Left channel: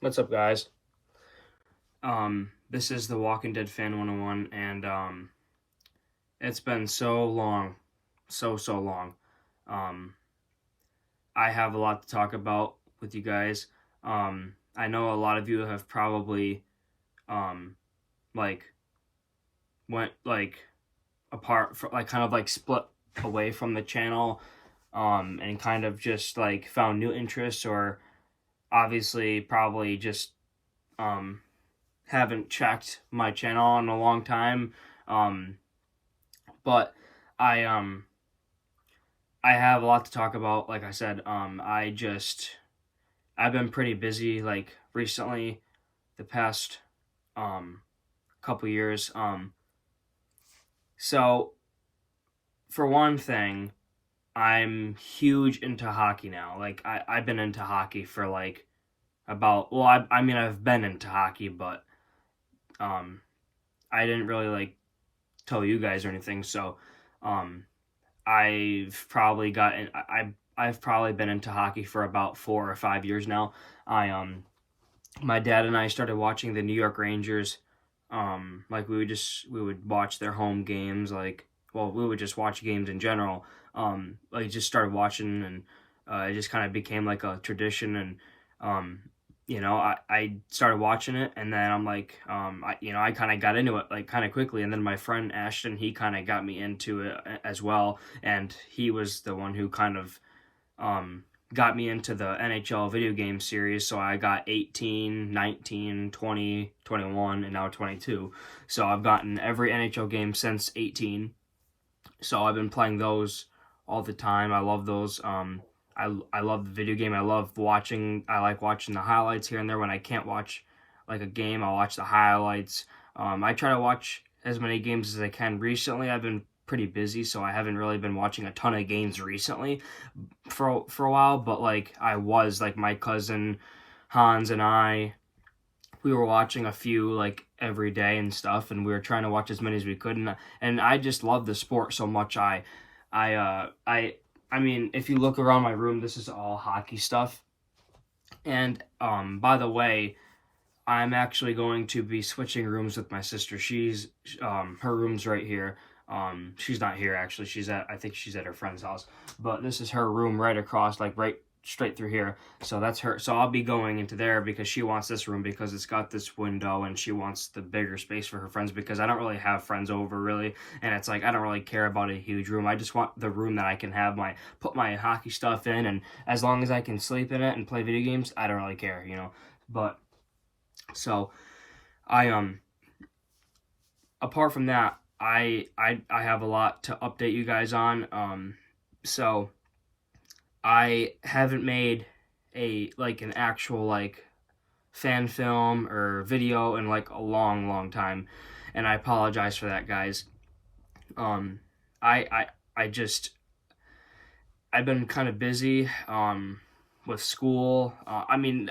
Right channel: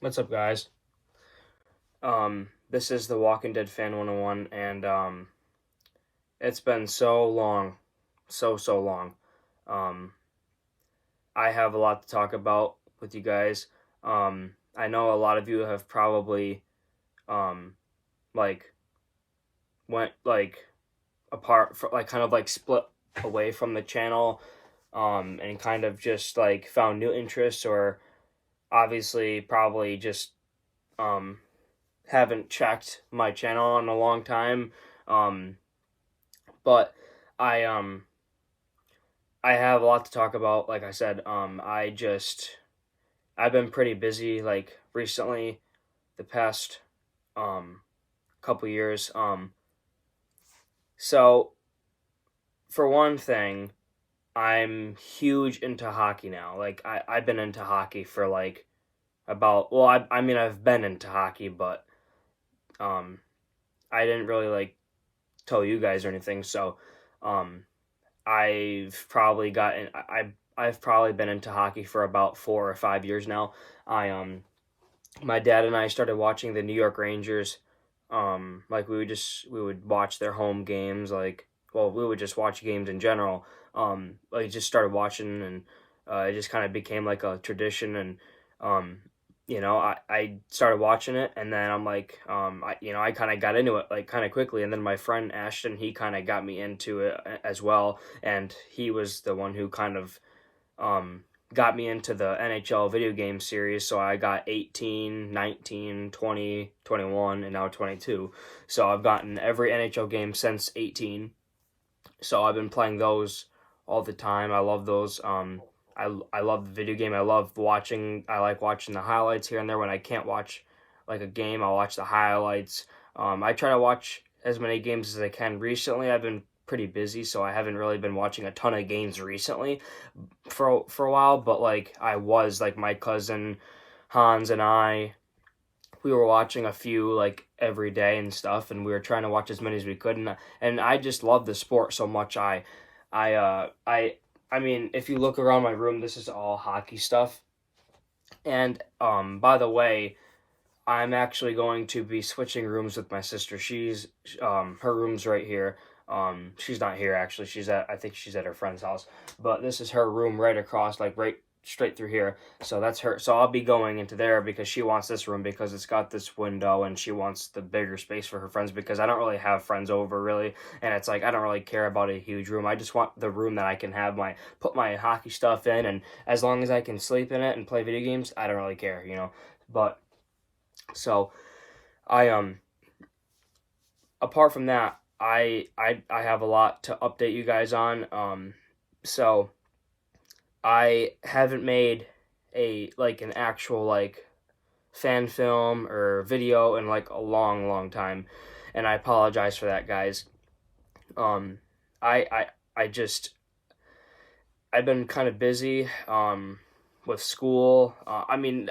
What's up, guys? This is the Walking Dead Fan 101, and it's been so long, so long. Um, I have a lot to talk about with you guys. I know a lot of you have probably um, like went apart, for, kind of split away from the channel, and kind of just found new interests, or obviously probably just um haven't checked my channel in a long time. Um, but I I have a lot to talk about. Like I said, I've been pretty busy recently, the past um couple years. So for one thing, I'm huge into hockey now. I've been into hockey for about, well, I mean, I've been into hockey, but um I didn't really tell you guys or anything. So um I've probably been into hockey for about 4 or 5 years now. I My dad and I started watching the New York Rangers. We would watch their home games. We would just watch games in general. Just started watching, and it just kind of became like a tradition. And um, I started watching it, and then I kind of got into it kind of quickly. And then my friend Ashton, he kind of got me into it as well, and he was the one who kind of got me into the NHL video game series. So I got 18, 19, 20, 21, and now 22. So I've gotten every NHL game since 18. So I've been playing those all the time. I love those. I love the video game. I like watching the highlights here and there. When I can't watch like a game, I'll watch the highlights. I try to watch as many games as I can. Recently, I've been pretty busy, so I haven't really been watching a ton of games recently for a while. But my cousin Hans and we were watching a few every day and stuff, and we were trying to watch as many as we could. And I just love the sport so much. I I mean, if you look around my room, this is all hockey stuff. And by the way, I'm actually going to be switching rooms with my sister. Her room's right here. She's not here actually. I think she's at her friend's house. But this is her room right across, right straight through here. So that's her. So I'll be going into there because she wants this room because it's got this window, and she wants the bigger space for her friends because I don't really have friends over really, and it's like I don't really care about a huge room. I just want the room that I can put my hockey stuff in, and as long as I can sleep in it and play video games, I don't really care. But so I apart from that, I have a lot to update you guys on. So I haven't made an actual fan film or video in a long time, and I apologize for that, guys. Um, I just I've been kind of busy with school. I mean,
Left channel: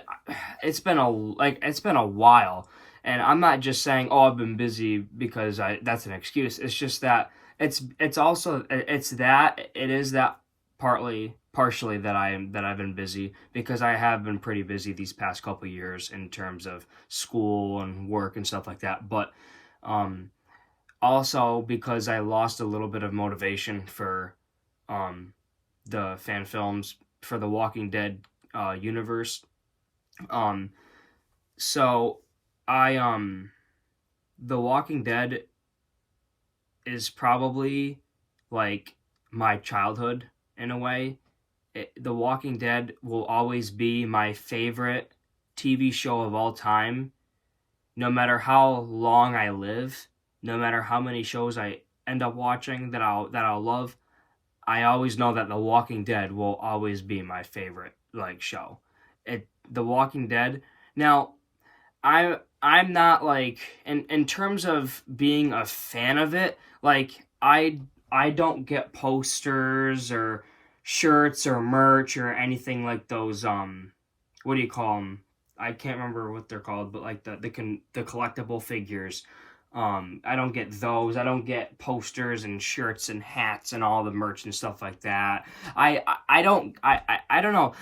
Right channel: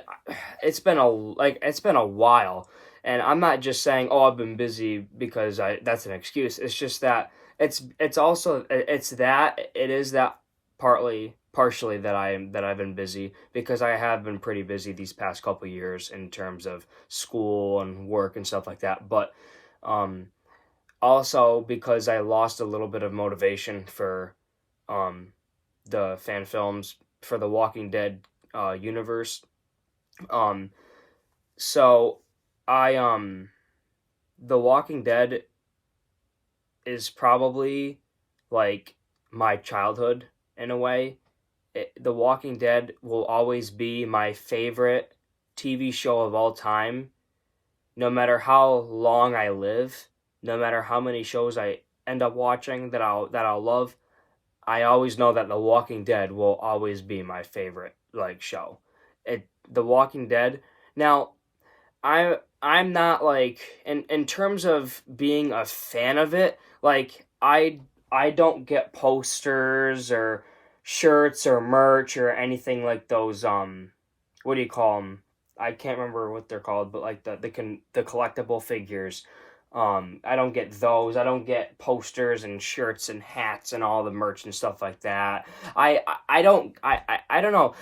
it's been a while, and I'm not just saying, oh, I've been busy because I that's an excuse. It's just that it's also it's that it is that partially that I've been busy because I have been pretty busy these past couple years in terms of school and work and stuff like that. But um also because I lost a little bit of motivation for um the fan films for the Walking Dead universe. Um, so I The Walking Dead is probably like my childhood in a way. The Walking Dead will always be my favorite TV show of all time, no matter how long I live, no matter how many shows I end up watching that I'll love. I always know that The Walking Dead will always be my favorite show. The Walking Dead. Now, I'm not in terms of being a fan of it, I don't get posters or shirts or merch or anything like those what do you call them? I can't remember what they're called, but the collectible figures. I don't get those. I don't get posters and shirts and hats and all the merch and stuff like that. I don't know.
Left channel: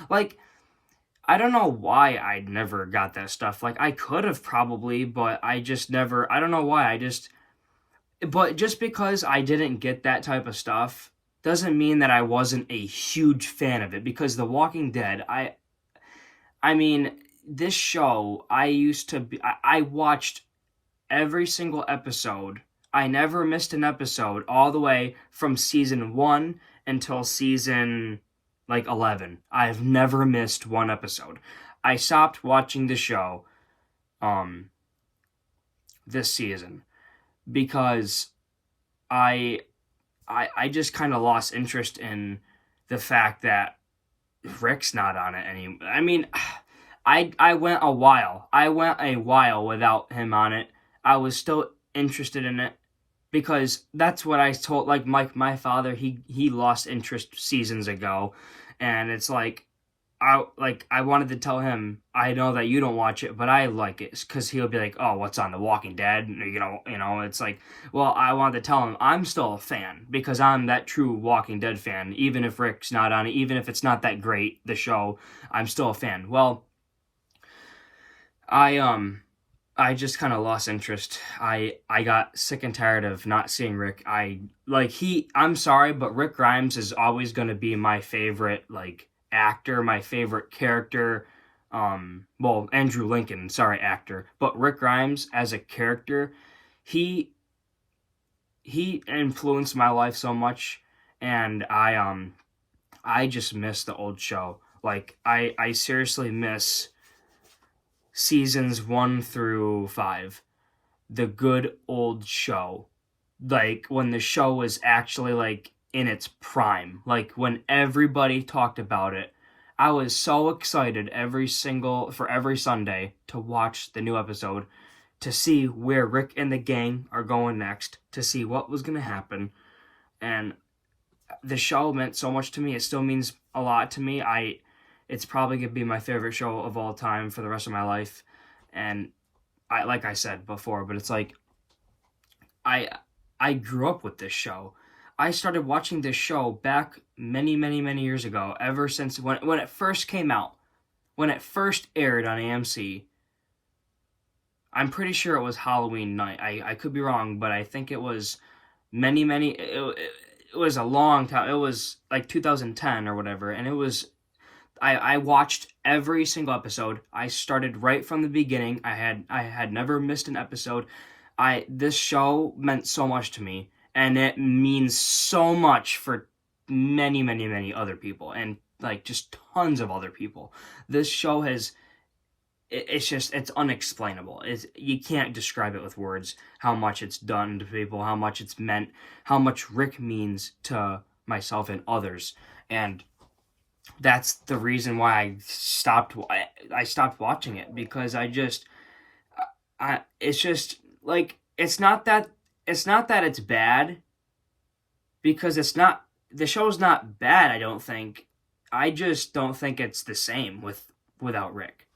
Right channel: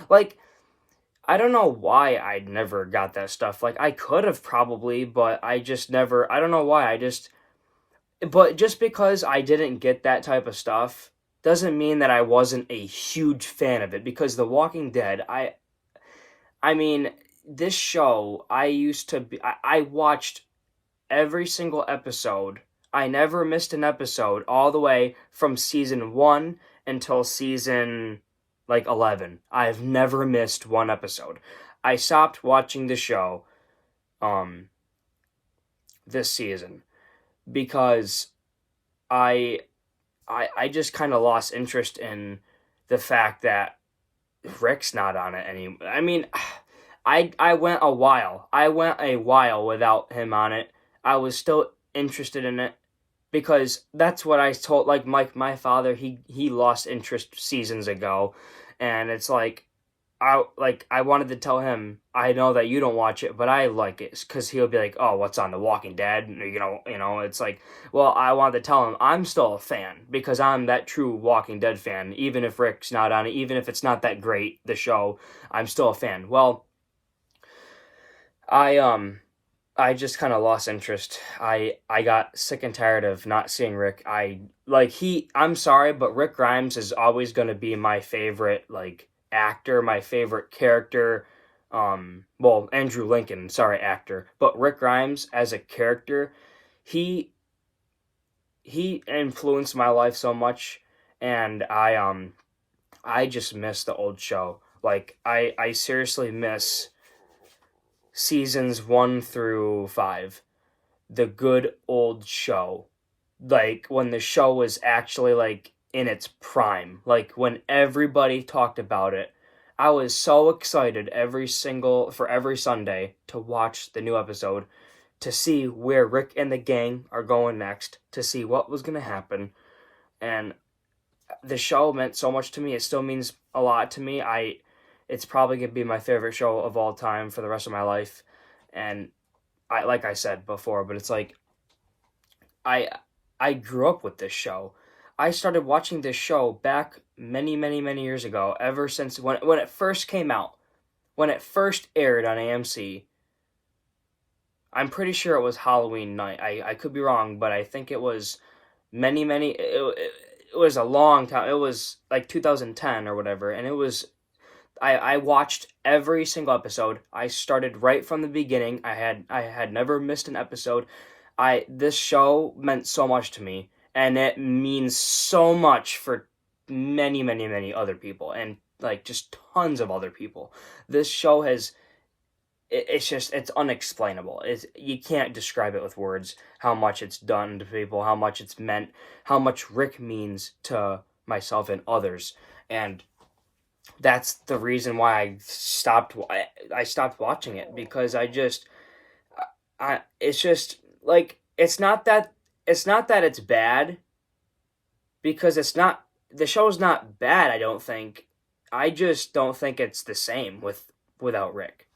I don't know why I never got that stuff. Like, I could have probably, but I just never, I don't know why. But just because I didn't get that type of stuff doesn't mean that I wasn't a huge fan of it. Because The Walking Dead, I mean, this show, I watched every single episode. I never missed an episode all the way from season 1 until season like 11. I have never missed one episode. I stopped watching the show um this season because I I just kind of lost interest in the fact that Rick's not on it anymore. I mean, I went a while. I went a while without him on it. I was still interested in it because that's what I told like my father. He lost interest seasons ago, and it's I wanted to tell him I know that you don't watch it, but I like it because he'll be like, oh, what's on The Walking Dead? It's like, well, I wanted to tell him I'm still a fan because I'm that true Walking Dead fan. Even if Rick's not on it, even if it's not that great, the show, I'm still a fan. Well, I I just kind of lost interest. I got sick and tired of not seeing Rick. I'm sorry, but Rick Grimes is always going to be my favorite like actor, my favorite character. Well, Andrew Lincoln, sorry, actor, but Rick Grimes as a character, he he influenced my life so much, and I just miss the old show. Like I seriously miss seasons 1 through 5, the good old show, like when the show was actually like in its prime, like when everybody talked about it. I was so excited for every Sunday to watch the new episode, to see where Rick and the gang are going next, to see what was going to happen. And the show meant so much to me. It still means a lot to me. It's probably going to be my favorite show of all time for the rest of my life. And like I said before, but it's like I I grew up with this show. I started watching this show back many, many, many years ago, ever since when it first came out, when it first aired on AMC. I'm pretty sure it was Halloween night. I could be wrong, but I think it was it was a long time. It was like 2010 or whatever, and I watched every single episode. I started right from the beginning. I had never missed an episode. I This show meant so much to me, and it means so much for many, many, many other people, and like just tons of other people. This show it's unexplainable. You can't describe it with words how much it's done to people, how much it's meant, how much Rick means to myself and others. And that's the reason why I stopped watching it, because I it's just like it's not that it's bad, because it's not the show's not bad, I don't think. I just don't think it's the same without Rick.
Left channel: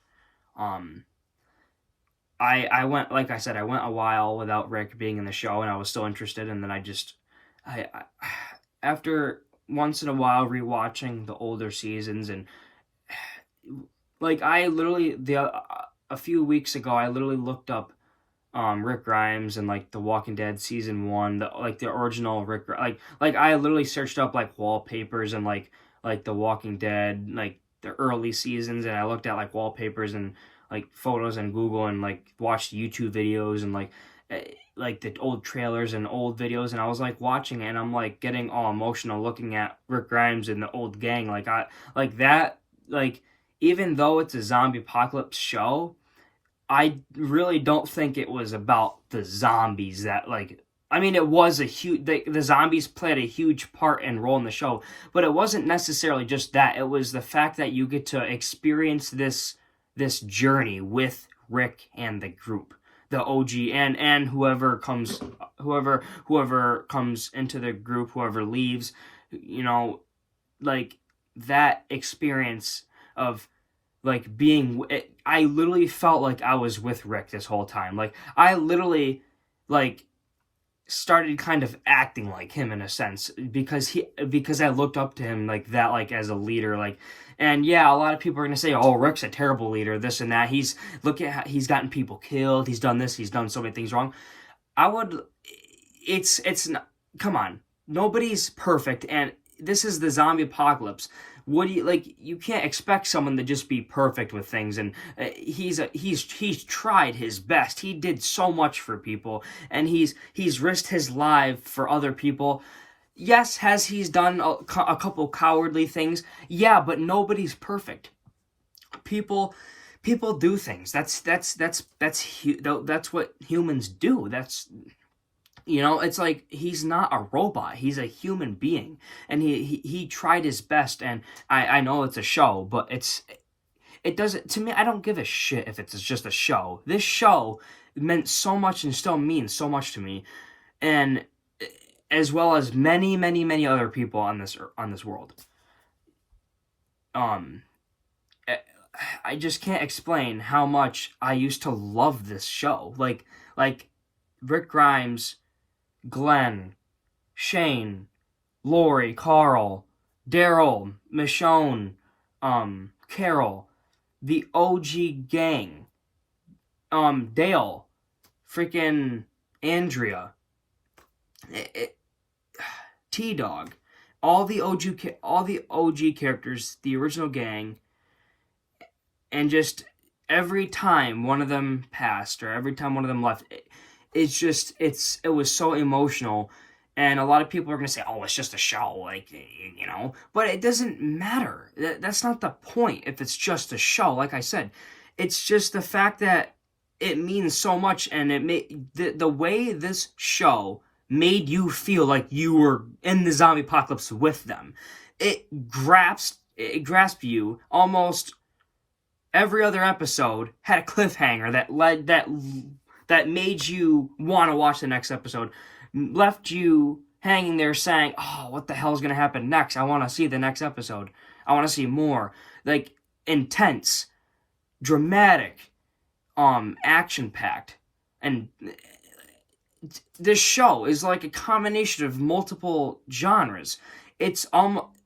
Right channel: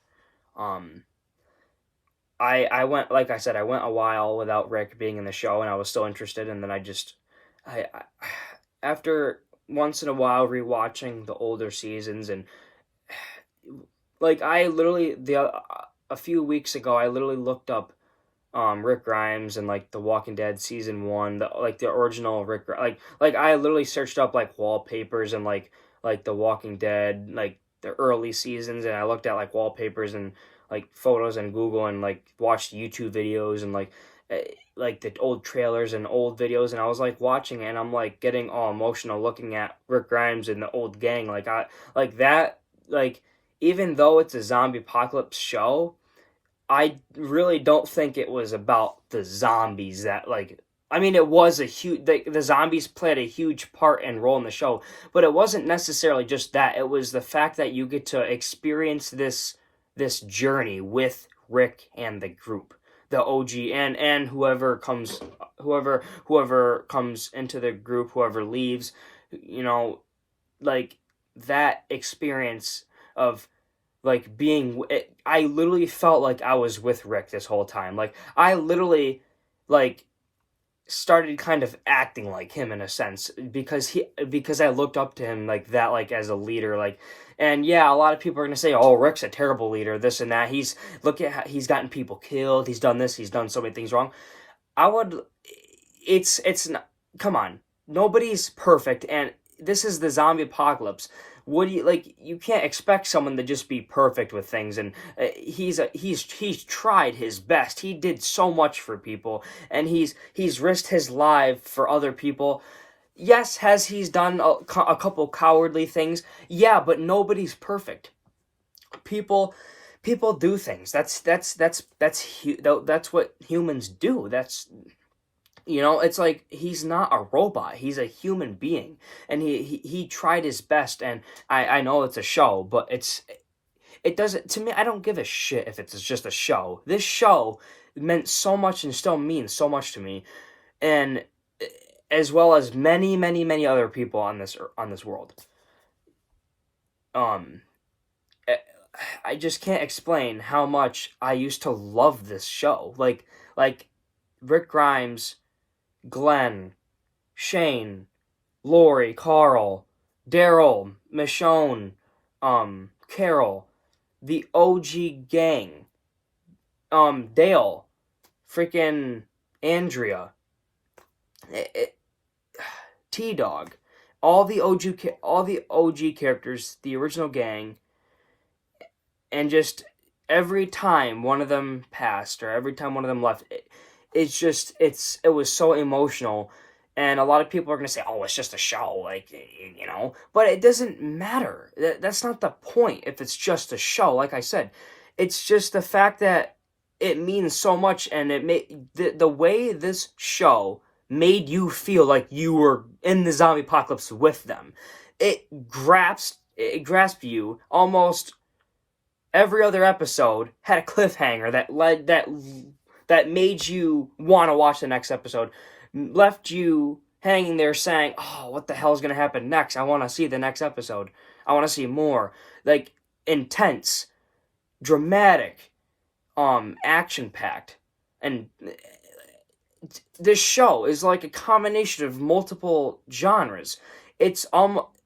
Um I went, like I said, I went a while without Rick being in the show, and I was still interested, and then I after once in a while rewatching the older seasons, and like I literally a few weeks ago I literally looked up Rick Grimes and like The Walking Dead season 1, the original like I literally searched up like wallpapers and like The Walking Dead, like the early seasons, and I looked at like wallpapers and like photos in Google, and like watched YouTube videos and like the old trailers and old videos, and I was like watching it, and I'm like getting all emotional looking at Rick Grimes and the old gang, like that, like even though it's a zombie apocalypse show, I really don't think it was about the zombies that like. I mean, it was a huge. The zombies played a huge part and role in the show, but it wasn't necessarily just that. It was the fact that you get to experience this journey with Rick and the group, the OG, and whoever comes into the group, whoever leaves, like that experience of like I literally felt like I was with Rick this whole time. Like I literally like started kind of acting like him in a sense because I looked up to him like that, like as a leader, like. And yeah, a lot of people are gonna say, "Oh, Rick's a terrible leader, this and that. Look at how he's gotten people killed. He's done this. He's done so many things wrong." I would. It's not. Come on, nobody's perfect, and this is the zombie apocalypse. What do you like? You can't expect someone to just be perfect with things, and he's tried his best. He did so much for people, and he's risked his life for other people. Yes, has he's done a couple cowardly things? Yeah, but nobody's perfect. People people do things. That's what humans do. It's like he's not a robot. He's a human being, and he tried his best. And I know it's a show, but it doesn't to me. I don't give a shit if it's just a show. This show meant so much and still means so much to me, and as well as many, many, many other people on this world. Um, eh, I just can't explain how much I used to love this show. Like Rick Grimes, Glenn, Shane, Lori, Carl, Daryl, Michonne, Carol, the OG gang, Dale, freaking Andrea, T-Dog, all the OG characters, the original gang, and just every time one of them passed or every time one of them left, it was so emotional. And a lot of people are going to say, "Oh, it's just a show," but it doesn't matter. That's not the point if it's just a show. Like I said, it's just the fact that it means so much, and it made the way this show made you feel like you were in the zombie apocalypse with them. It grasped you. Almost every other episode had a cliffhanger that made you want to watch the next episode, left you hanging there saying, "Oh, what the hell is going to happen next? I want to see the next episode. I want to see more." Like, intense, dramatic, action-packed. And this show is like a combination of multiple genres. It's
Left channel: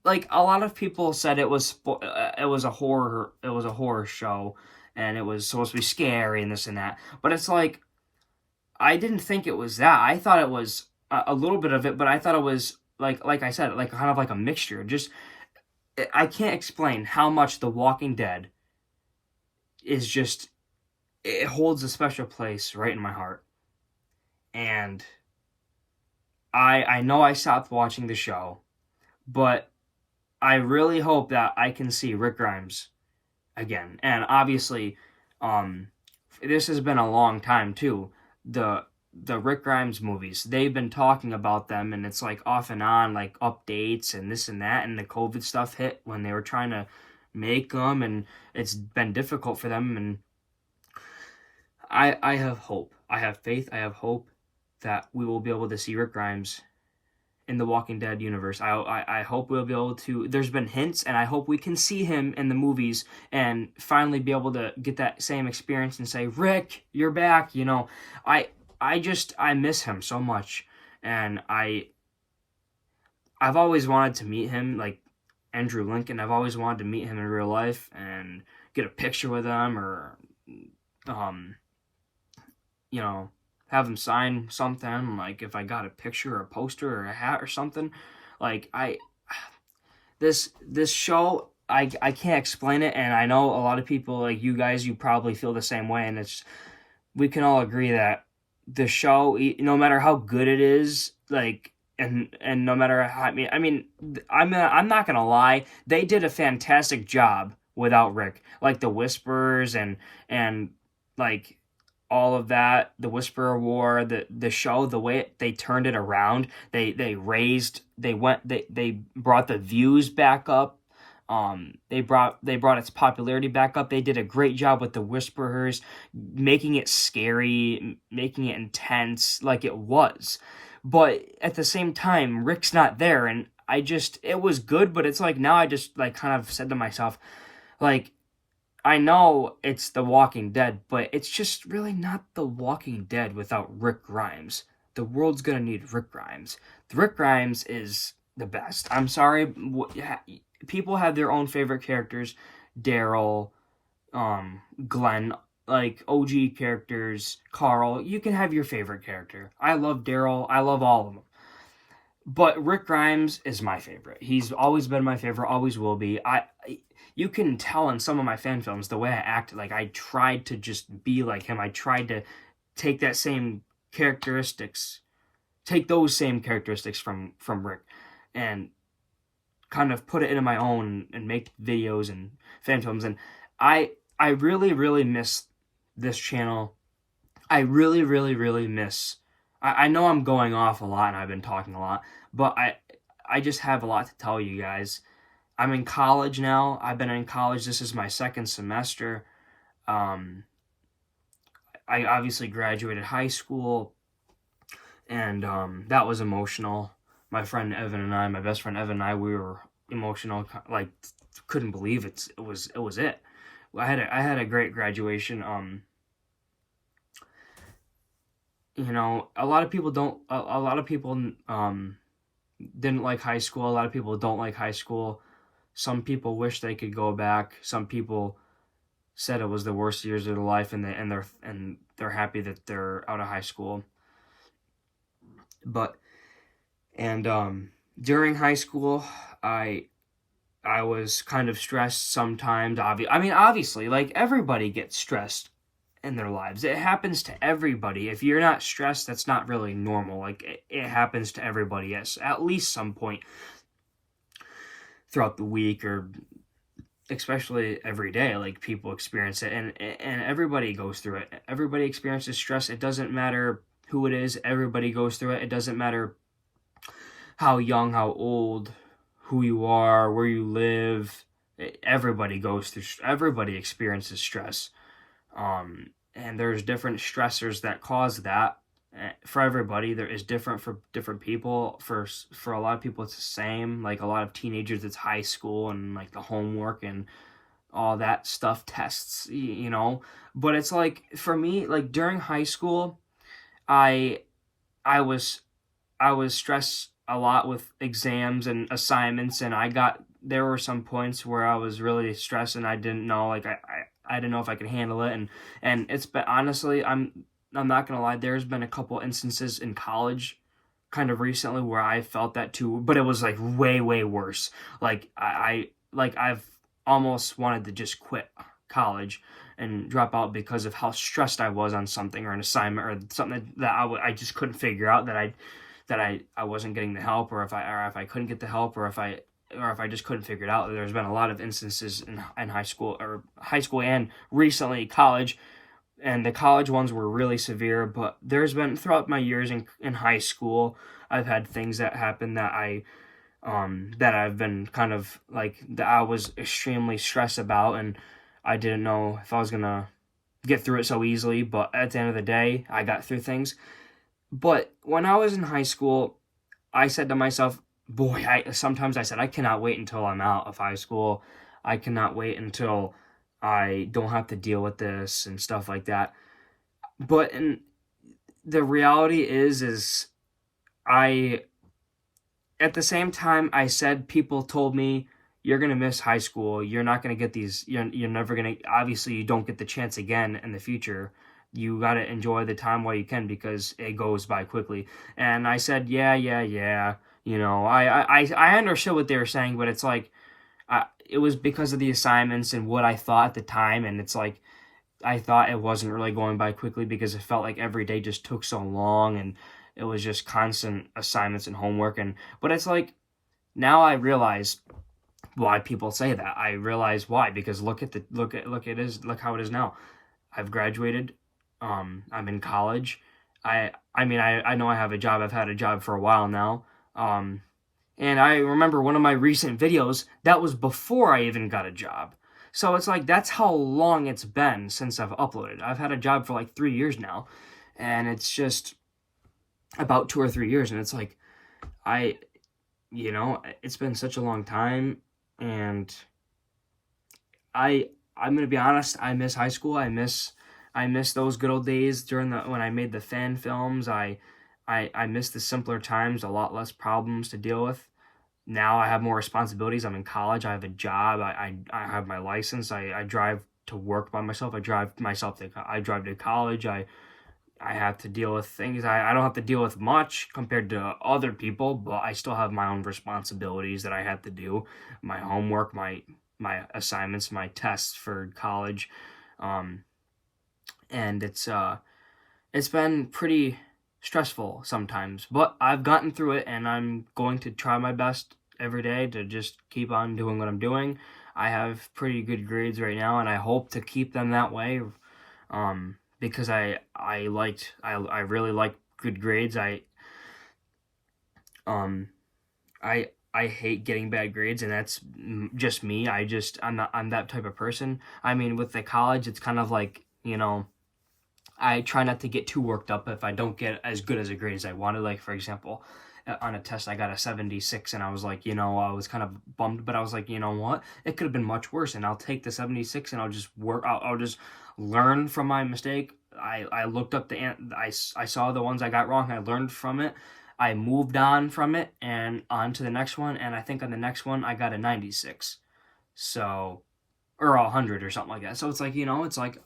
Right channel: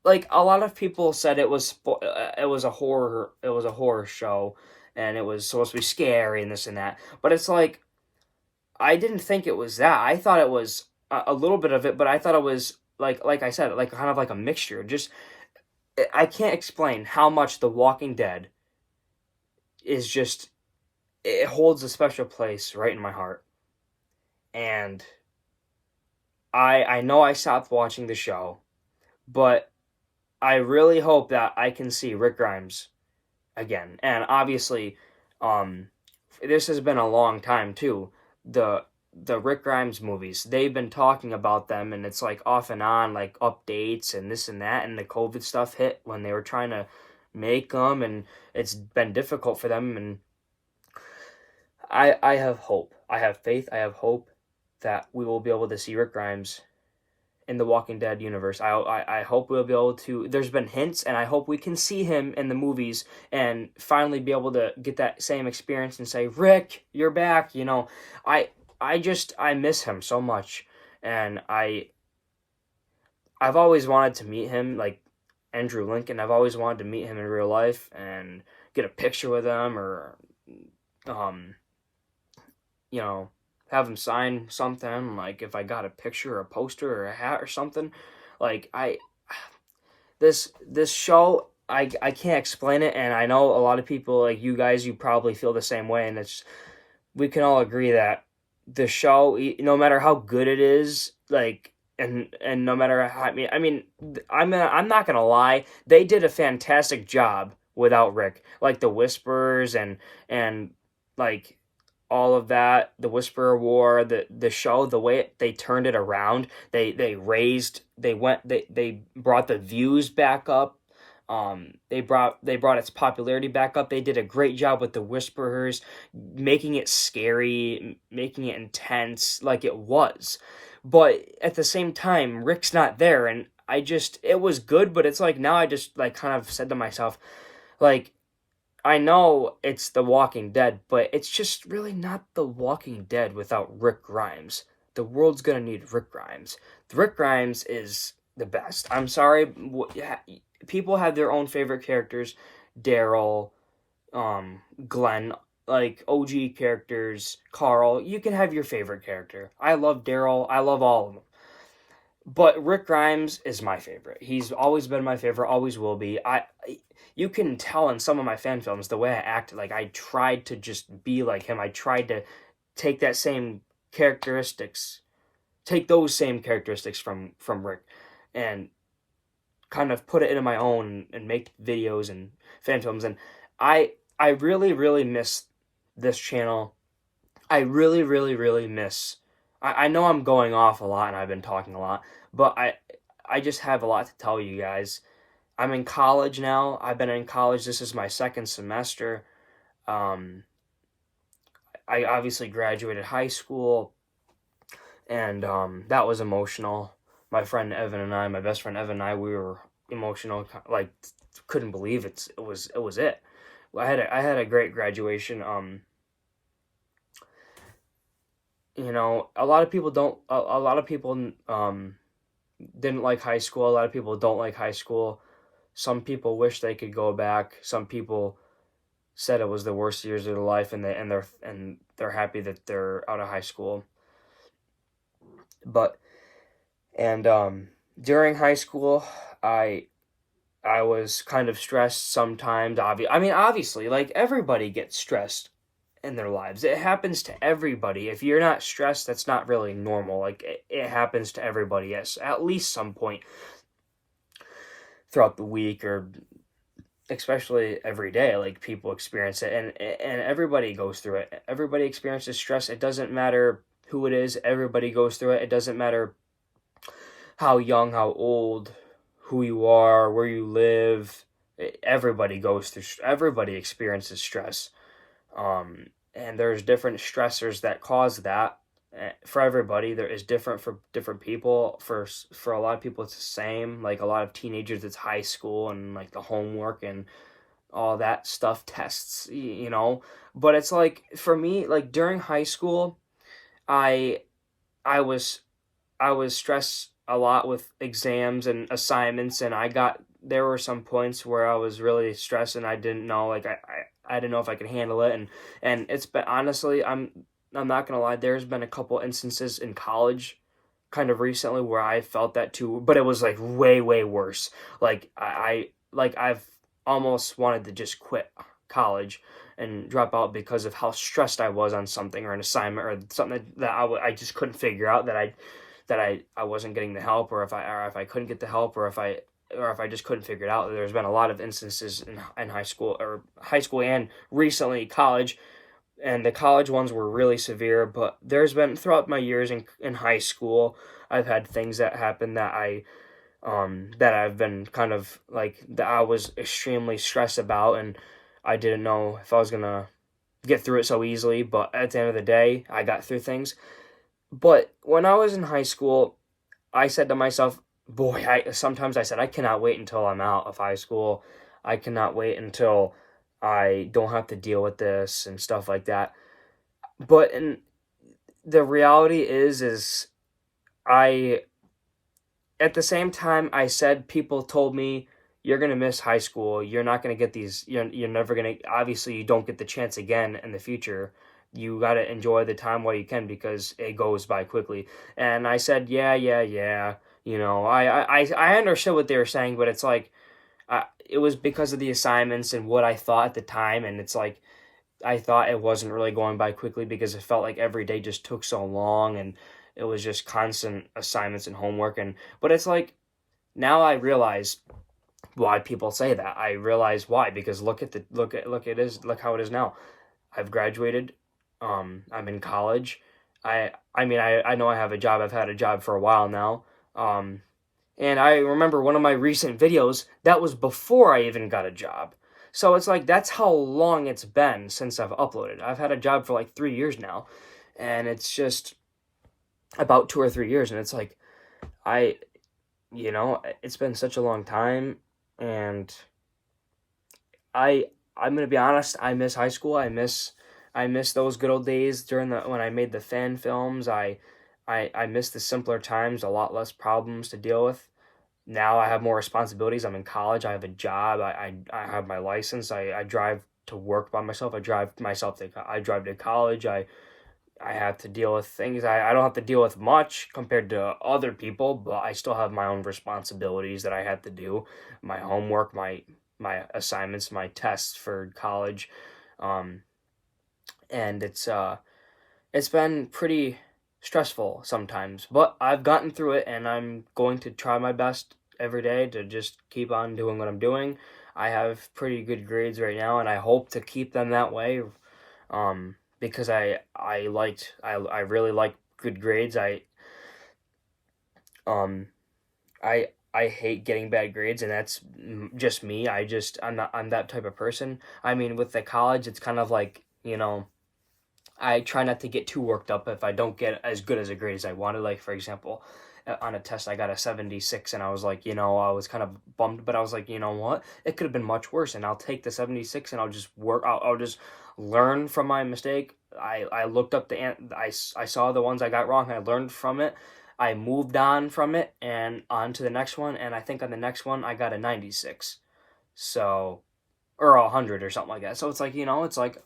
like a lot of people said it was a horror show, and it was supposed to be scary and this and that. But it's like, I didn't think it was that. I thought it was a little bit of it, but I thought it was like I said, like kind of like a mixture. Just I can't explain how much The Walking Dead is just, it holds a special place right in my heart. And I know I stopped watching the show, but I really hope that I can see Rick Grimes again. And obviously, this has been a long time too. The Rick Grimes movies, they've been talking about them, and it's like off and on, like updates and this and that, and the COVID stuff hit when they were trying to make them, and it's been difficult for them. And I have hope. I have faith. I have hope that we will be able to see Rick Grimes in the Walking Dead universe. I hope we'll be able to. There's been hints, and I hope we can see him in the movies and finally be able to get that same experience and say, "Rick, you're back." I miss him so much, and I've always wanted to meet him, like Andrew Lincoln. I've always wanted to meet him in real life and get a picture with him, or you know, have him sign something, like if I got a picture or a poster or a hat or something. Like this show, I can't explain it, and I know a lot of people, like you guys, you probably feel the same way, and we can all agree that the show, no matter how good it is, like, and no matter how, I'm not gonna lie, they did a fantastic job without Rick, like the Whispers and like all of that, the Whisperer War, the show, the way they turned it around, they brought the views back up. They brought its popularity back up. They did a great job with the Whisperers, making it scary, making it intense like it was. But at the same time, Rick's not there, and it was good, but it's like now I just like kind of said to myself, like, I know it's The Walking Dead, but it's just really not The Walking Dead without Rick Grimes. the world's gonna need Rick Grimes. Rick Grimes is the best. I'm sorry, people have their own favorite characters. Daryl, Glenn, like OG characters, Carl. You can have your favorite character. I love Daryl. I love all of them. But Rick Grimes is my favorite. He's always been my favorite, always will be. You can tell in some of my fan films the way I acted. Like, I tried to just be like him. I tried to take those same characteristics from Rick, and kind of put it into my own and make videos and fan films. And I really, really miss this channel. I really, really, really miss. I know I'm going off a lot and I've been talking a lot, but I just have a lot to tell you guys. I'm in college now. I've been in college. This is my second semester. I obviously graduated high school, and that was emotional. My best friend Evan and I, we were emotional. Like, couldn't believe it. It was it. I had a great graduation. You know, a lot of people didn't like high school. A lot of people don't like high school. Some people wish they could go back. Some people said it was the worst years of their life, and they're happy that they're out of high school. But during high school, I was kind of stressed sometimes. Obviously, like, everybody gets stressed in their lives. It happens to everybody. If you're not stressed, that's not really normal. Like, it happens to everybody, yes, at least some point throughout the week, or especially every day. Like, people experience it, and everybody goes through it. Everybody experiences stress. It doesn't matter who it is. Everybody goes through it. It doesn't matter how young, how old, who you are, where you live. Everybody experiences stress. And there's different stressors that cause that for everybody. There is different for different people. For a lot of people, it's the same. Like, a lot of teenagers, it's high school and like the homework and all that stuff, tests, you know. But it's like, for me, like, during high school, I was stressed a lot with exams and assignments, and there were some points where I was really stressed, and I didn't know, like, I didn't know if I could handle it, and it's been, honestly, I'm not gonna lie, there's been a couple instances in college kind of recently where I felt that too, but it was like way, way worse. Like, I've almost wanted to just quit college and drop out because of how stressed I was on something, or an assignment, or something that I just couldn't figure out, that I wasn't getting the help, or if I couldn't get the help, or if I just couldn't figure it out. There's been a lot of instances in high school and recently college, and the college ones were really severe. But there's been, throughout my years in high school, I've had things that happened that I've been kind of like, that I was extremely stressed about, and I didn't know if I was gonna get through it so easily. But at the end of the day, I got through things. But when I was in high school, I said to myself, sometimes I said, I cannot wait until I'm out of high school. I cannot wait until I don't have to deal with this and stuff like that. But the reality is at the same time, I said, people told me, you're going to miss high school. You're not going to get these, you're never going to, obviously you don't get the chance again in the future. You got to enjoy the time while you can, because it goes by quickly. And I said, yeah. You know, I understood what they were saying, but it's like, it was because of the assignments and what I thought at the time. And it's like, I thought it wasn't really going by quickly because it felt like every day just took so long, and it was just constant assignments and homework. But it's like, now I realize why people say that. I realize why, because look how it is now. I've graduated. I'm in college. I know I have a job. I've had a job for a while now. And I remember one of my recent videos, that was before I even got a job. So it's like, that's how long it's been since I've uploaded. I've had a job for like 3 years now, and it's just about 2 or 3 years. And it's like, it's been such a long time, and I'm going to be honest, I miss high school. I miss those good old days when I made the fan films. I I miss the simpler times, a lot less problems to deal with. Now I have more responsibilities. I'm in college. I have a job. I have my license. I drive to work by myself. I drive to college. I have to deal with things. I don't have to deal with much compared to other people, but I still have my own responsibilities that I have to do. My homework, my assignments, my tests for college. Um, and it's been pretty stressful sometimes, but I've gotten through it, and I'm going to try my best every day to just keep on doing what I'm doing. I have pretty good grades right now, and I hope to keep them that way. Because I really like good grades. Um I hate getting bad grades, and that's just me. I'm that type of person. I mean, with the college, it's kind of like, I try not to get too worked up if I don't get as good as a grade as I wanted. Like, for example, on a test, I got a 76, and I was like, I was kind of bummed, but I was like, you know what? It could have been much worse, and I'll take the 76, and I'll just work. I'll just learn from my mistake. I looked up I saw the ones I got wrong. I learned from it. I moved on from it and on to the next one, and I think on the next one I got a 96. So, or 100 or something like that. So it's like, it's like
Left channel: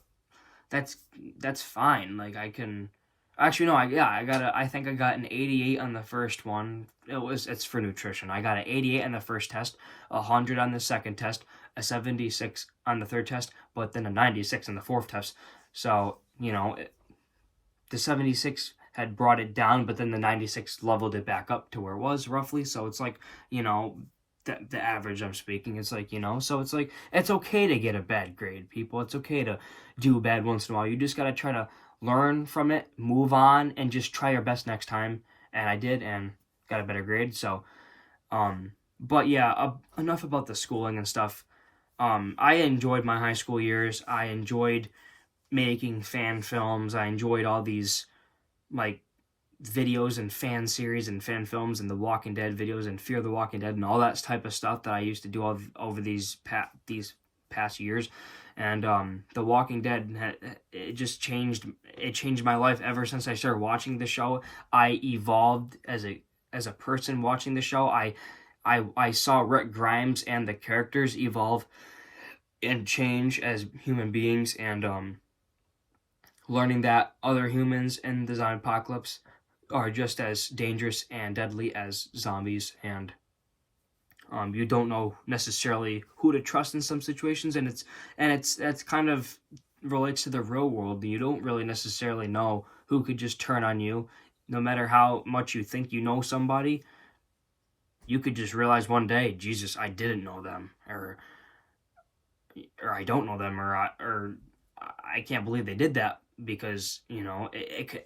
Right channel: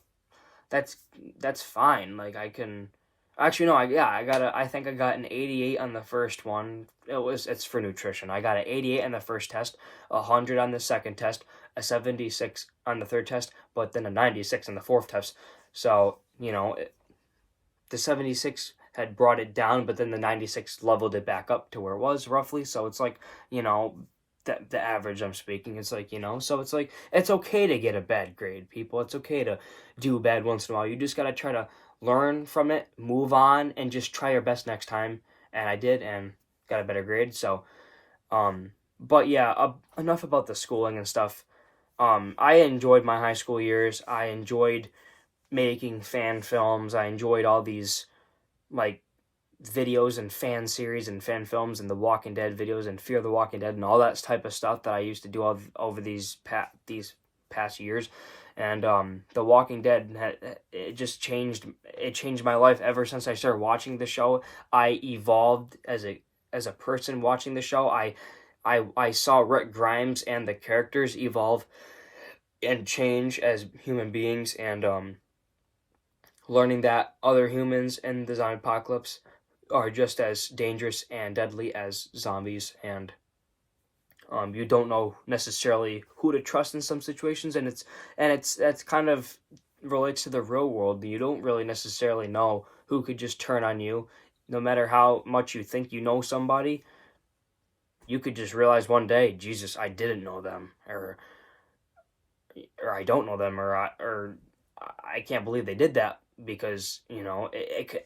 that's that's fine. Like, I can actually, no, I think I got an 88 on the first one. It's for nutrition. I got an 88 on the first test, 100 on the second test, a 76 on the third test, but then a 96 on the fourth test. So, the 76 had brought it down, but then the 96 leveled it back up to where it was roughly. So it's like, the average I'm speaking. It's like, so it's like, it's okay to get a bad grade, people. It's okay to do bad once in a while. You just got to try to learn from it, move on, and just try your best next time. And I did, and got a better grade. So, but yeah, enough about the schooling and stuff. I enjoyed my high school years. I enjoyed making fan films. I enjoyed all these, like, videos and fan series and fan films and the Walking Dead videos and Fear the Walking Dead and all that type of stuff that I used to do over these past years. And the Walking Dead, it just changed. It changed my life ever since I started watching the show. I evolved as a person watching the show. I saw Rick Grimes and the characters evolve and change as human beings, and learning that other humans in the zombie apocalypse are just as dangerous and deadly as zombies, and you don't know necessarily who to trust in some situations, and that's kind of relates to the real world. You don't really necessarily know who could just turn on you. No matter how much you think you know somebody, you could just realize one day, Jesus, I didn't know them, or I don't know them, or I can't believe they did that, because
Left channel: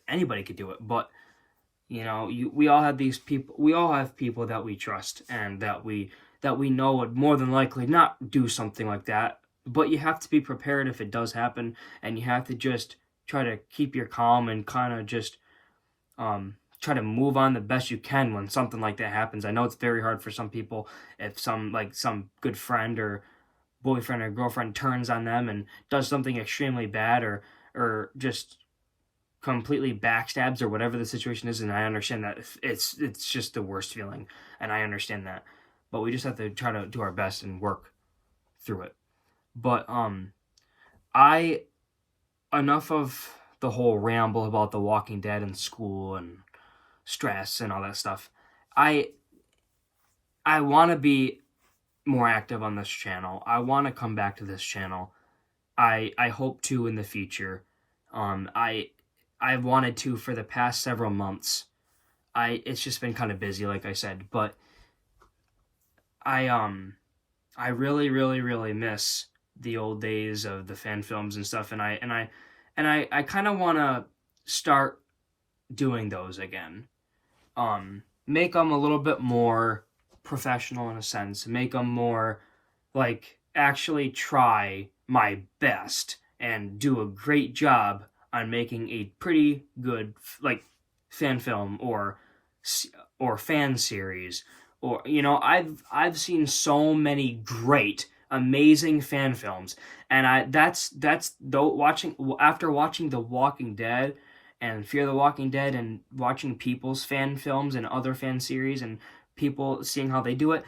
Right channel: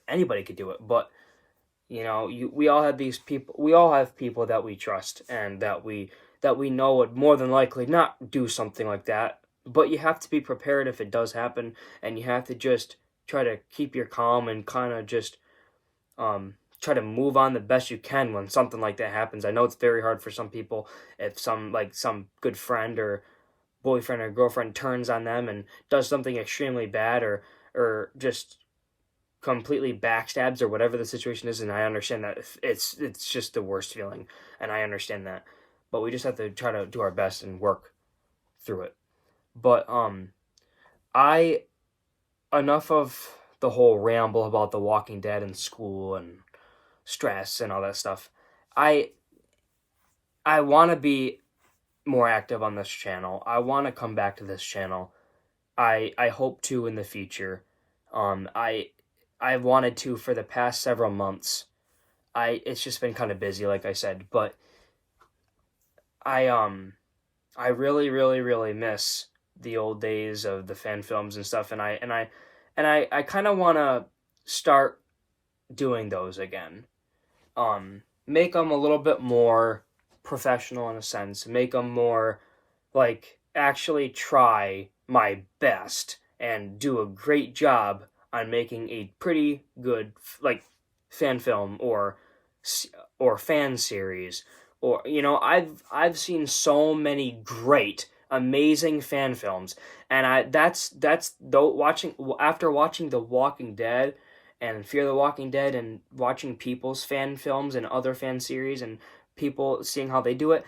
anybody could do it. But we all have these people. We all have people that we trust and that we know would more than likely not do something like that. But you have to be prepared if it does happen, and you have to just try to keep your calm and kind of just try to move on the best you can when something like that happens. I know it's very hard for some people if some good friend or boyfriend or girlfriend turns on them and does something extremely bad, or just completely backstabs, or whatever the situation is. And I understand that it's just the worst feeling, and I understand that, but we just have to try to do our best and work through it. But enough of the whole ramble about The Walking Dead and school and stress and all that stuff. I want to be more active on this channel. I want to come back to this channel. I hope to in the future. I've wanted to for the past several months. It's just been kind of busy, like I said, but I really, really, really miss the old days of the fan films and stuff, and I kind of want to start doing those again. Make them a little bit more professional in a sense. Make them more like actually try my best and do a great job on making a pretty good fan film or fan series, or I've seen so many great, amazing fan films, and after watching The Walking Dead and Fear the Walking Dead and watching people's fan films and other fan series and people seeing how they do it,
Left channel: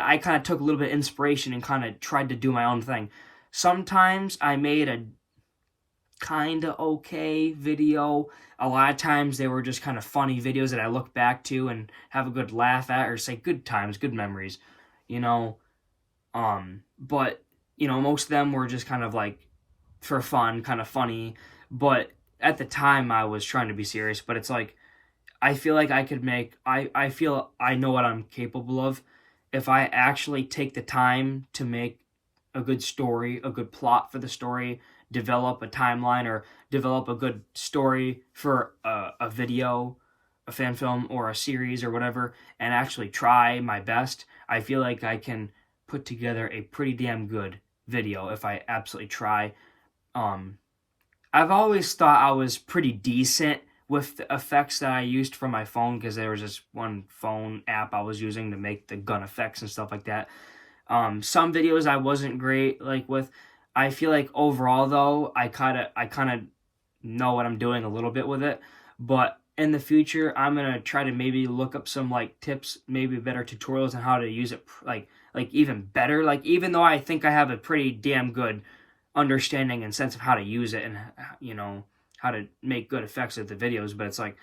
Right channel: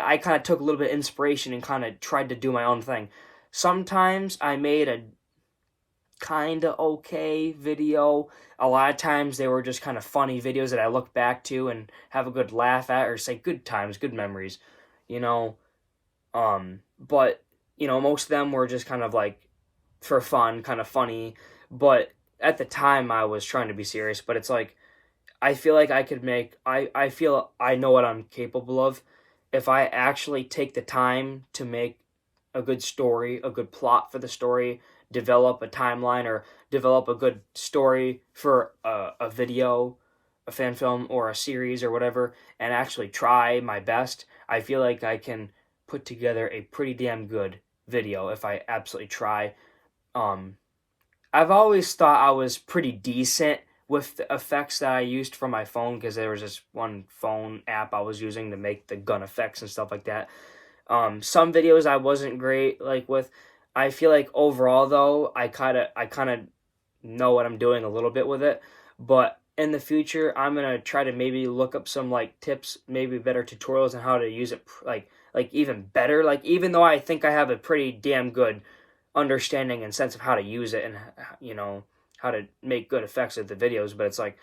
I kind of took a little bit of inspiration and kind of tried to do my own thing. Sometimes I made a kind of okay video. A lot of times they were just kind of funny videos that I look back to and have a good laugh at, or say good times, good memories, you know. But you know, most of them were just kind of like for fun, kind of funny. But at the time, I was trying to be serious. But it's like I feel like I could make. I feel I know what I'm capable of if I actually take the time to make a good story, a good plot for the story, develop a timeline, or develop a good story for a video, a fan film, or a series, or whatever, and actually try my best. I feel like I can put together a pretty damn good video if I absolutely try. I've always thought I was pretty decent with the effects that I used for my phone, because there was this one phone app I was using to make the gun effects and stuff like that. Some videos I wasn't great like with. I feel like overall though, I kind of know what I'm doing a little bit with it. But in the future, I'm gonna try to maybe look up some like tips, maybe better tutorials on how to use it, like even better. Like even though I think I have a pretty damn good understanding and sense of how to use it and you know how to make good effects of the videos, but it's like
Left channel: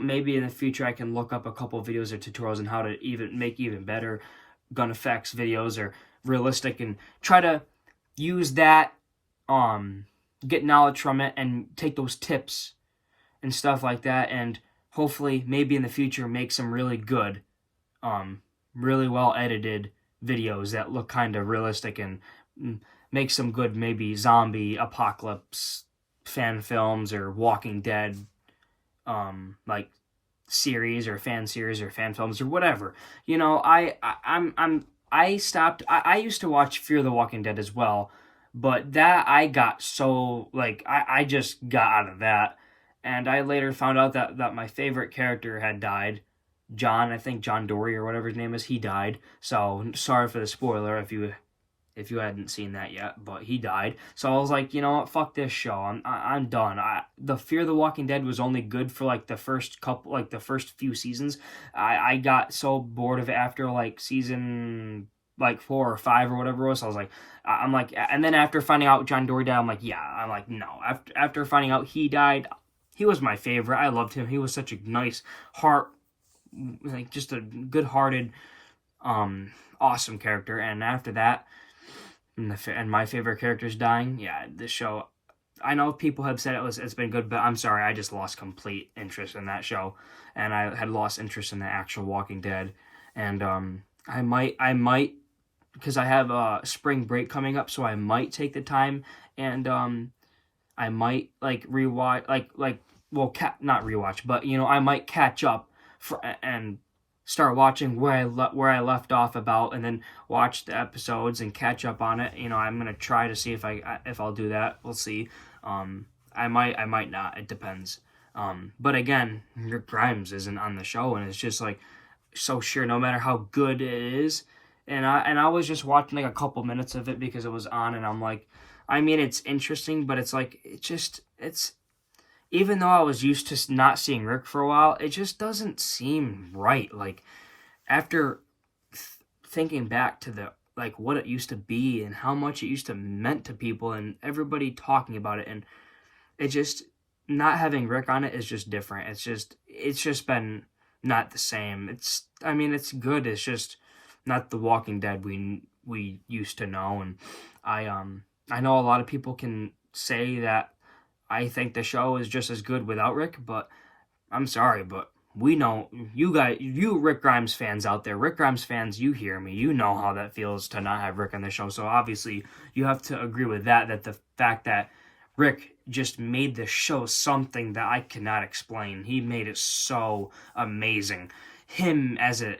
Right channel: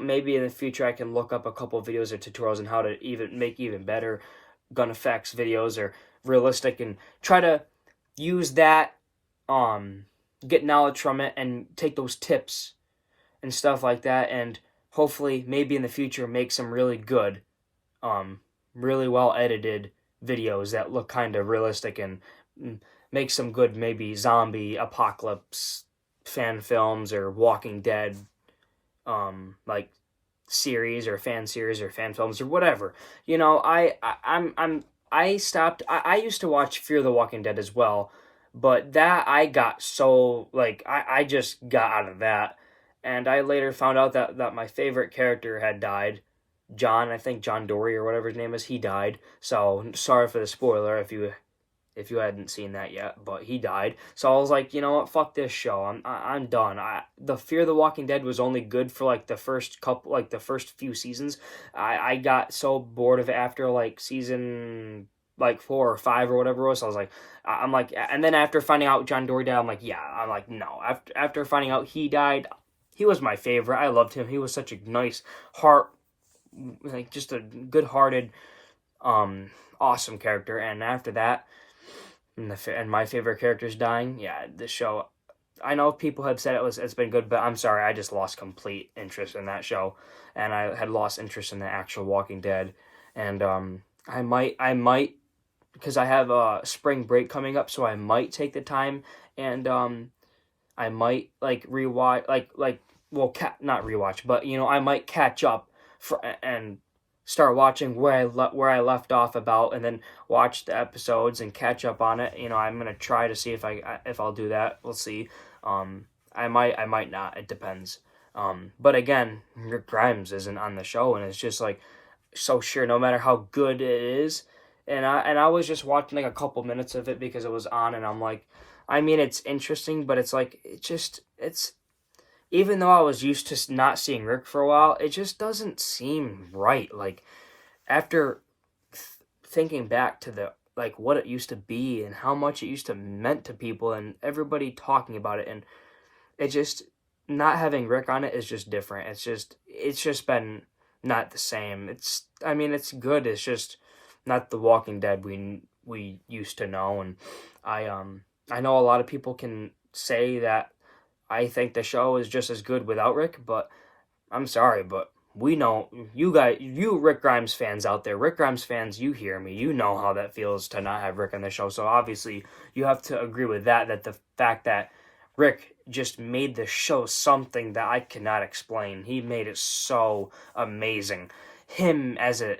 maybe in the future I can look up a couple of videos or tutorials on how to even make even better gun effects videos or realistic, and try to use that, get knowledge from it and take those tips and stuff like that, and hopefully maybe in the future make some really good, really well edited videos that look kind of realistic, and make some good maybe zombie apocalypse fan films or Walking Dead, like series or fan films or whatever. You know, I stopped. I used to watch Fear the Walking Dead as well, but that I got so like I just got out of that, and I later found out that my favorite character had died. John, I think John Dory or whatever his name is, he died. So sorry for the spoiler if you hadn't seen that yet, but he died. So I was like, you know what, fuck this show. I'm done. The Fear the Walking Dead was only good for like the first few seasons. I got so bored of it after like season like 4 or 5 or whatever it was. So I was like, I'm like, and then after finding out John Dory died, I'm like, yeah, I'm like, no. After finding out he died, he was my favorite. I loved him. He was such a nice heart, like just a good-hearted, awesome character. And after that, and my favorite character's dying. Yeah, this show, I know people have said it's been good, but I'm sorry, I just lost complete interest in that show, and I had lost interest in the actual Walking Dead, and I might because I have spring break coming up, so I might take the time and I might like rewatch not rewatch, but you know I might catch up and start watching where I left off about, and then watch the episodes and catch up on it. You know, I'm gonna try to see if I'll do that. We'll see. I might not. It depends. But again, Rick Grimes isn't on the show, and it's just like so sure. No matter how good it is, and I was just watching like a couple minutes of it because it was on, and I'm like, I mean, it's interesting, but it's like it's. Even though I was used to not seeing Rick for a while, it just doesn't seem right. Like, after thinking back to the like what it used to be and how much it used to meant to people and everybody talking about it, and it just not having Rick on it is just different. It's just been not the same. I mean it's good. It's just not the Walking Dead we used to know. And I know a lot of people can say that I think the show is just as good without Rick, but I'm sorry, but we know, you Rick Grimes fans out there, Rick Grimes fans, you hear me, you know how that feels to not have Rick on the show, so obviously you have to agree with that the fact that Rick just made the show something that I cannot explain. He made it so amazing. The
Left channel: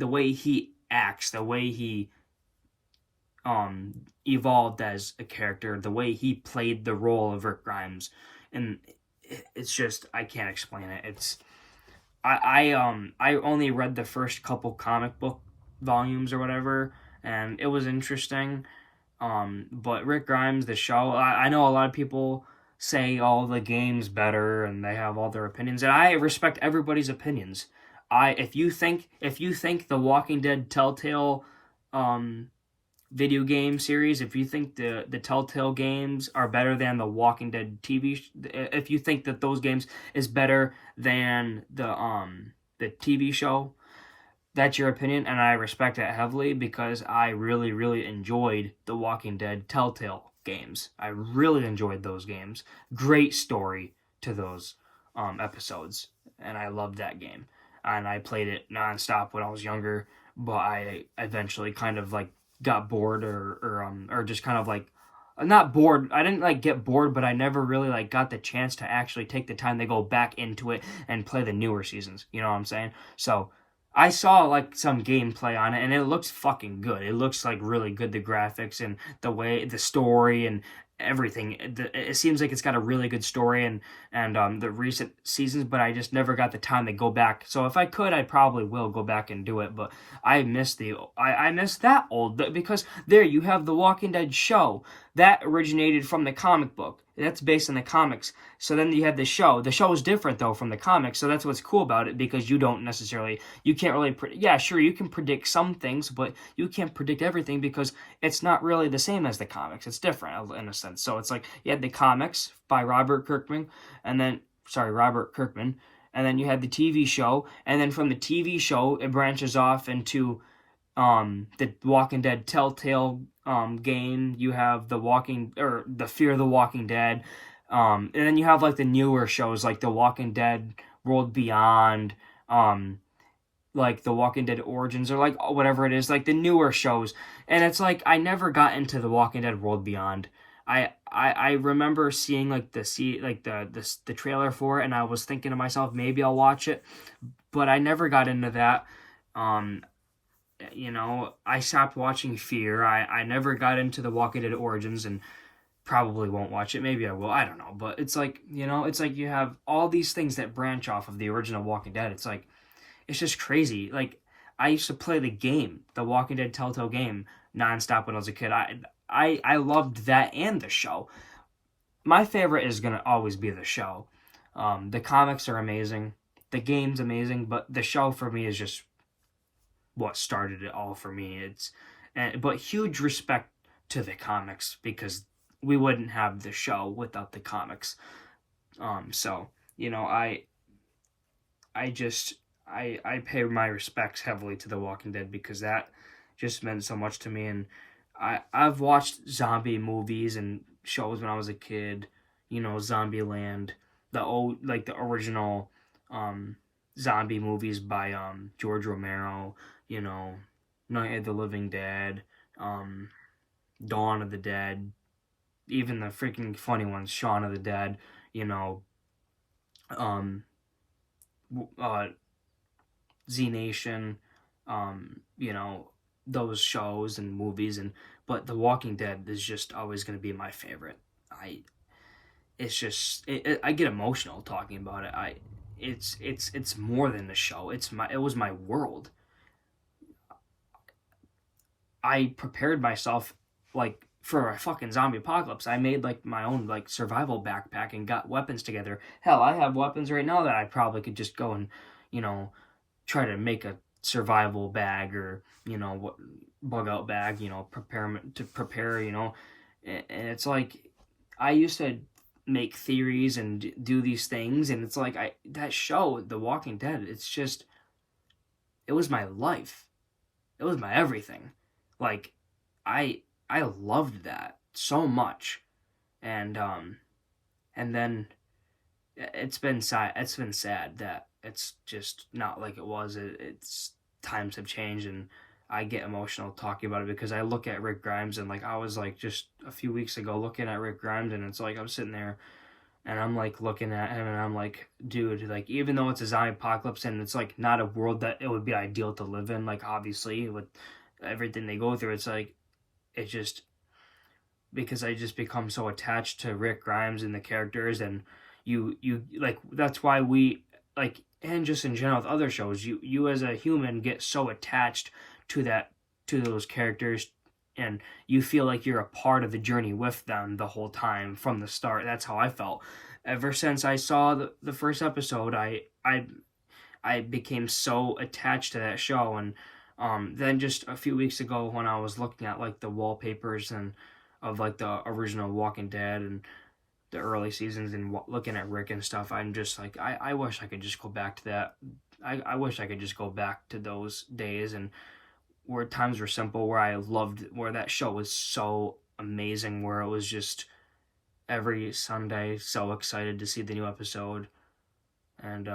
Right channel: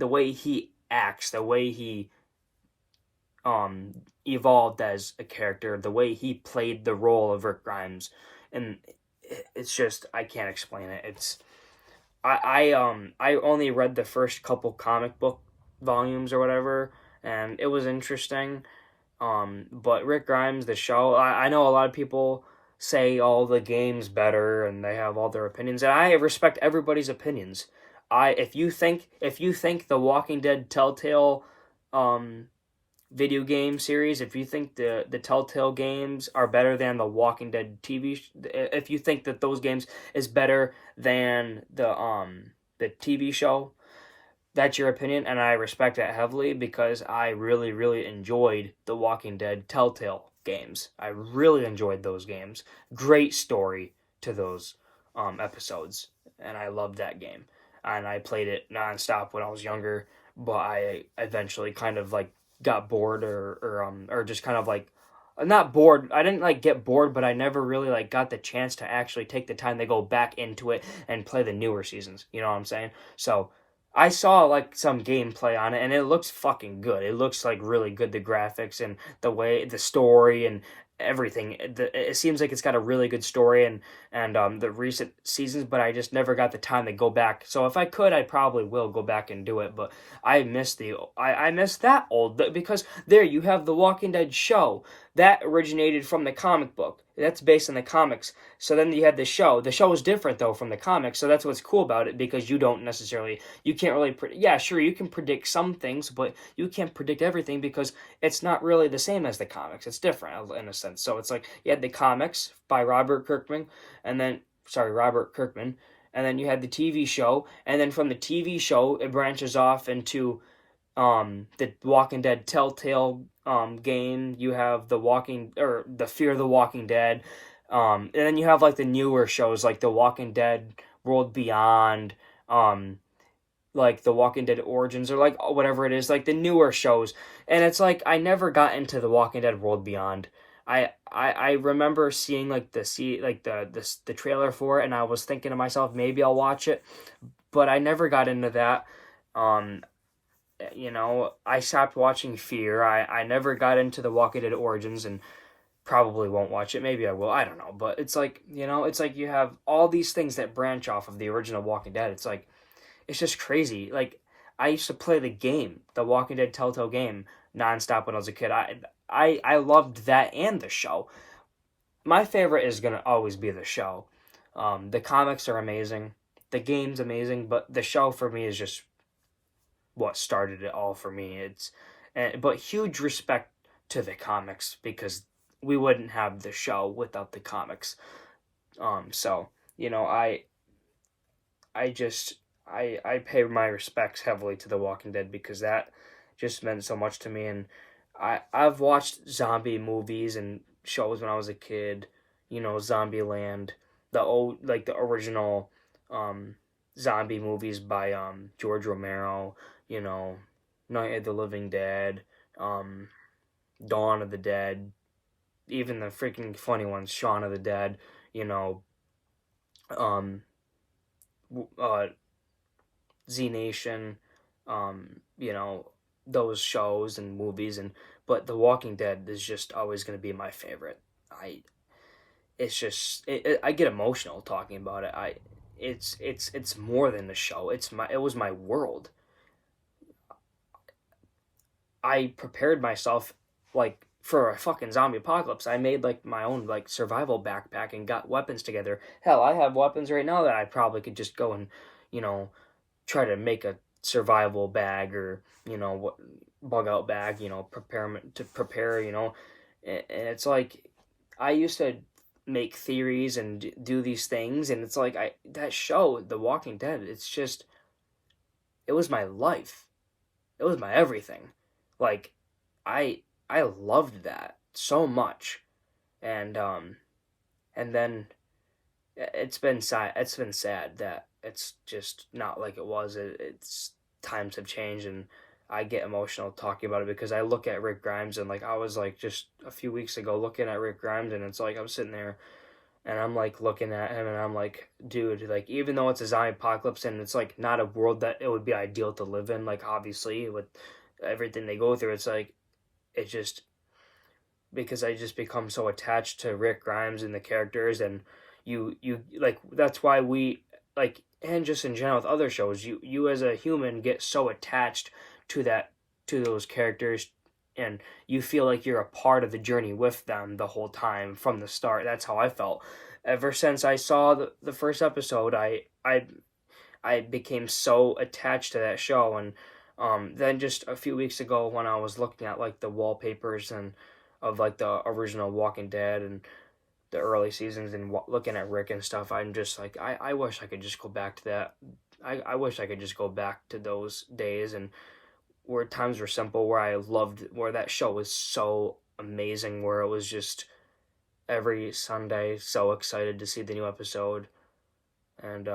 way he acts, the way he evolved as a character, the way he played the role of Rick Grimes, and it's just I can't explain it. It's I only read the first couple comic book volumes or whatever, and it was interesting. But Rick Grimes, the show, I know a lot of people say all the games better and they have all their opinions, and I respect everybody's opinions. If you think the Walking Dead Telltale um video game series, if you think the Telltale games are better than the Walking Dead if you think that those games is better than the TV show, that's your opinion, and I respect that heavily because I really, really enjoyed the Walking Dead Telltale games. I really enjoyed those games. Great story to those episodes, and I loved that game. And I played it nonstop when I was younger, but I eventually kind of like got bored or just kind of like not bored. I didn't like get bored, but I never really like got the chance to actually take the time to go back into it and play the newer seasons. You know what I'm saying? So I saw like some gameplay on it and it looks fucking good. It looks like really good, the graphics and the story and everything. It seems like it's got a really good story and the recent seasons, but I just never got the time to go back. So if I could, I probably will go back and do it, but I miss that old because there you have the Walking Dead show that originated from the comic book. That's based on the comics. So then you have the show. The show is different though from the comics. So that's what's cool about it because you can't really, yeah, sure, you can predict some things, but you can't predict everything because it's not really the same as the comics. It's different in a sense. So it's like you had the comics by Robert Kirkman, and then you had the TV show, and then from the TV show it branches off into the Walking Dead Telltale game. You have the Fear of the Walking Dead, and then you have like the newer shows like the Walking Dead World Beyond, like the Walking Dead Origins, or like whatever it is, like the newer shows. And it's like I never got into the Walking Dead World Beyond. I remember seeing like the trailer for it, and I was thinking to myself maybe I'll watch it, but I never got into that. I stopped watching Fear. I never got into the Walking Dead Origins and probably won't watch it. Maybe I will. I don't know. But it's like, it's like you have all these things that branch off of the original Walking Dead. It's like, it's just crazy. Like, I used to play the Walking Dead Telltale game, nonstop when I was a kid. I loved that and the show. My favorite is going to always be the show. The comics are amazing. The game's amazing. But the show for me is just what started it all for me. But huge respect to the comics because we wouldn't have the show without the comics. So I pay my respects heavily to The Walking Dead because that just meant so much to me. And I've watched zombie movies and shows when I was a kid. Zombieland, the original zombie movies by George Romero. Night of the Living Dead, Dawn of the Dead, even the freaking funny ones, Shaun of the Dead, Z Nation, those shows and movies, but The Walking Dead is just always going to be my favorite. I get emotional talking about it. It's more than the show. It was my world. I prepared myself like for a fucking zombie apocalypse. I made like my own like survival backpack and got weapons together. Hell, I have weapons right now that I probably could just go and, try to make a survival bag or, bug out bag, prepare, and it's like I used to make theories and do these things, and it's like that show, The Walking Dead, it was my life. It was my everything. Like, I loved that so much, and then it's been sad. It's been sad that it's just not like it was. It's times have changed, and I get emotional talking about it because I look at Rick Grimes and like I was like just a few weeks ago looking at Rick Grimes, and it's like I'm sitting there and I'm like looking at him and I'm like, dude, like even though it's a zombie apocalypse and it's like not a world that it would be ideal to live in, like obviously with everything they go through, it's like it just because I just become so attached to Rick Grimes and the characters, and you like that's why we like, and just in general with other shows, you as a human get so attached to those characters and you feel like you're a part of the journey with them the whole time from the start. That's how I felt. Ever since I saw the first episode, I became so attached to that show. And then just a few weeks ago, when I was looking at like the wallpapers and of like the original Walking Dead and the early seasons and looking at Rick and stuff, I'm just like, I wish I could just go back to that. I wish I could just go back to those days, and where times were simple, where I loved, where that show was so amazing, where it was just every Sunday so excited to see the new episode. And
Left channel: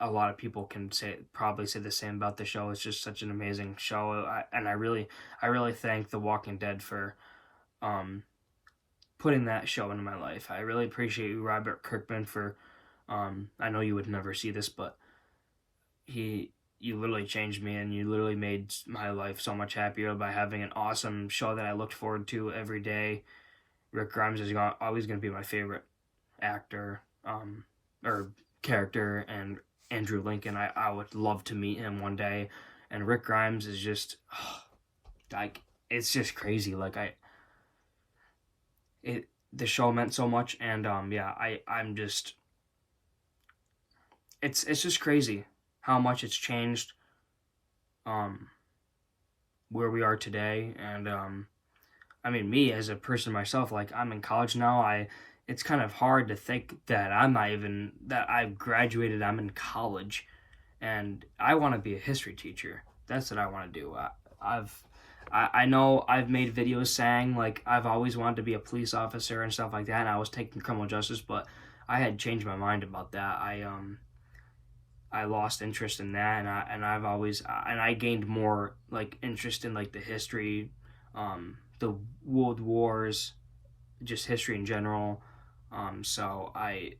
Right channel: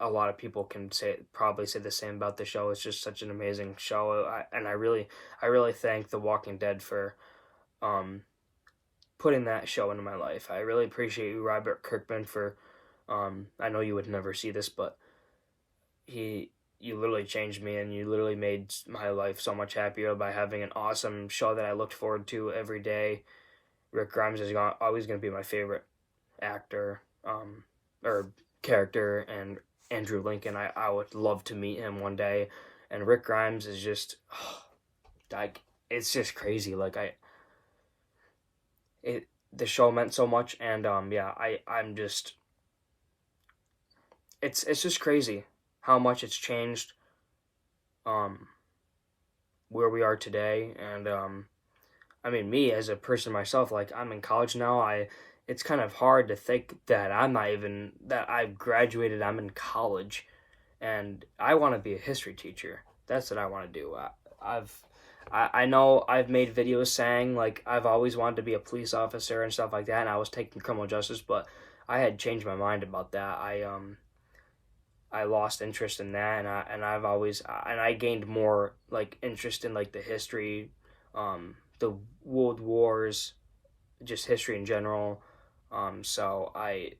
a lot of people can probably say the same about the show. It's just such an amazing show. I really thank The Walking Dead for putting that show into my life. I really appreciate you, Robert Kirkman, for I know you would never see this, but you literally changed me, and you literally made my life so much happier by having an awesome show that I looked forward to every day. Rick Grimes is always going to be my favorite actor or character, and Andrew Lincoln, I would love to meet him one day. And Rick Grimes is just like, it's just crazy. Like the show meant so much, and I'm just, it's just crazy how much it's changed where we are today. And I mean, me as a person myself, like, I'm in college now. It's kind of hard to think that that I've graduated, I'm in college, and I want to be a history teacher. That's what I want to do. I know I've made videos saying, like, I've always wanted to be a police officer and stuff like that, and I was taking criminal justice, but I had changed my mind about that. I lost interest in that, and I gained more, like, interest in, like, the history, the world wars, just history in general. So I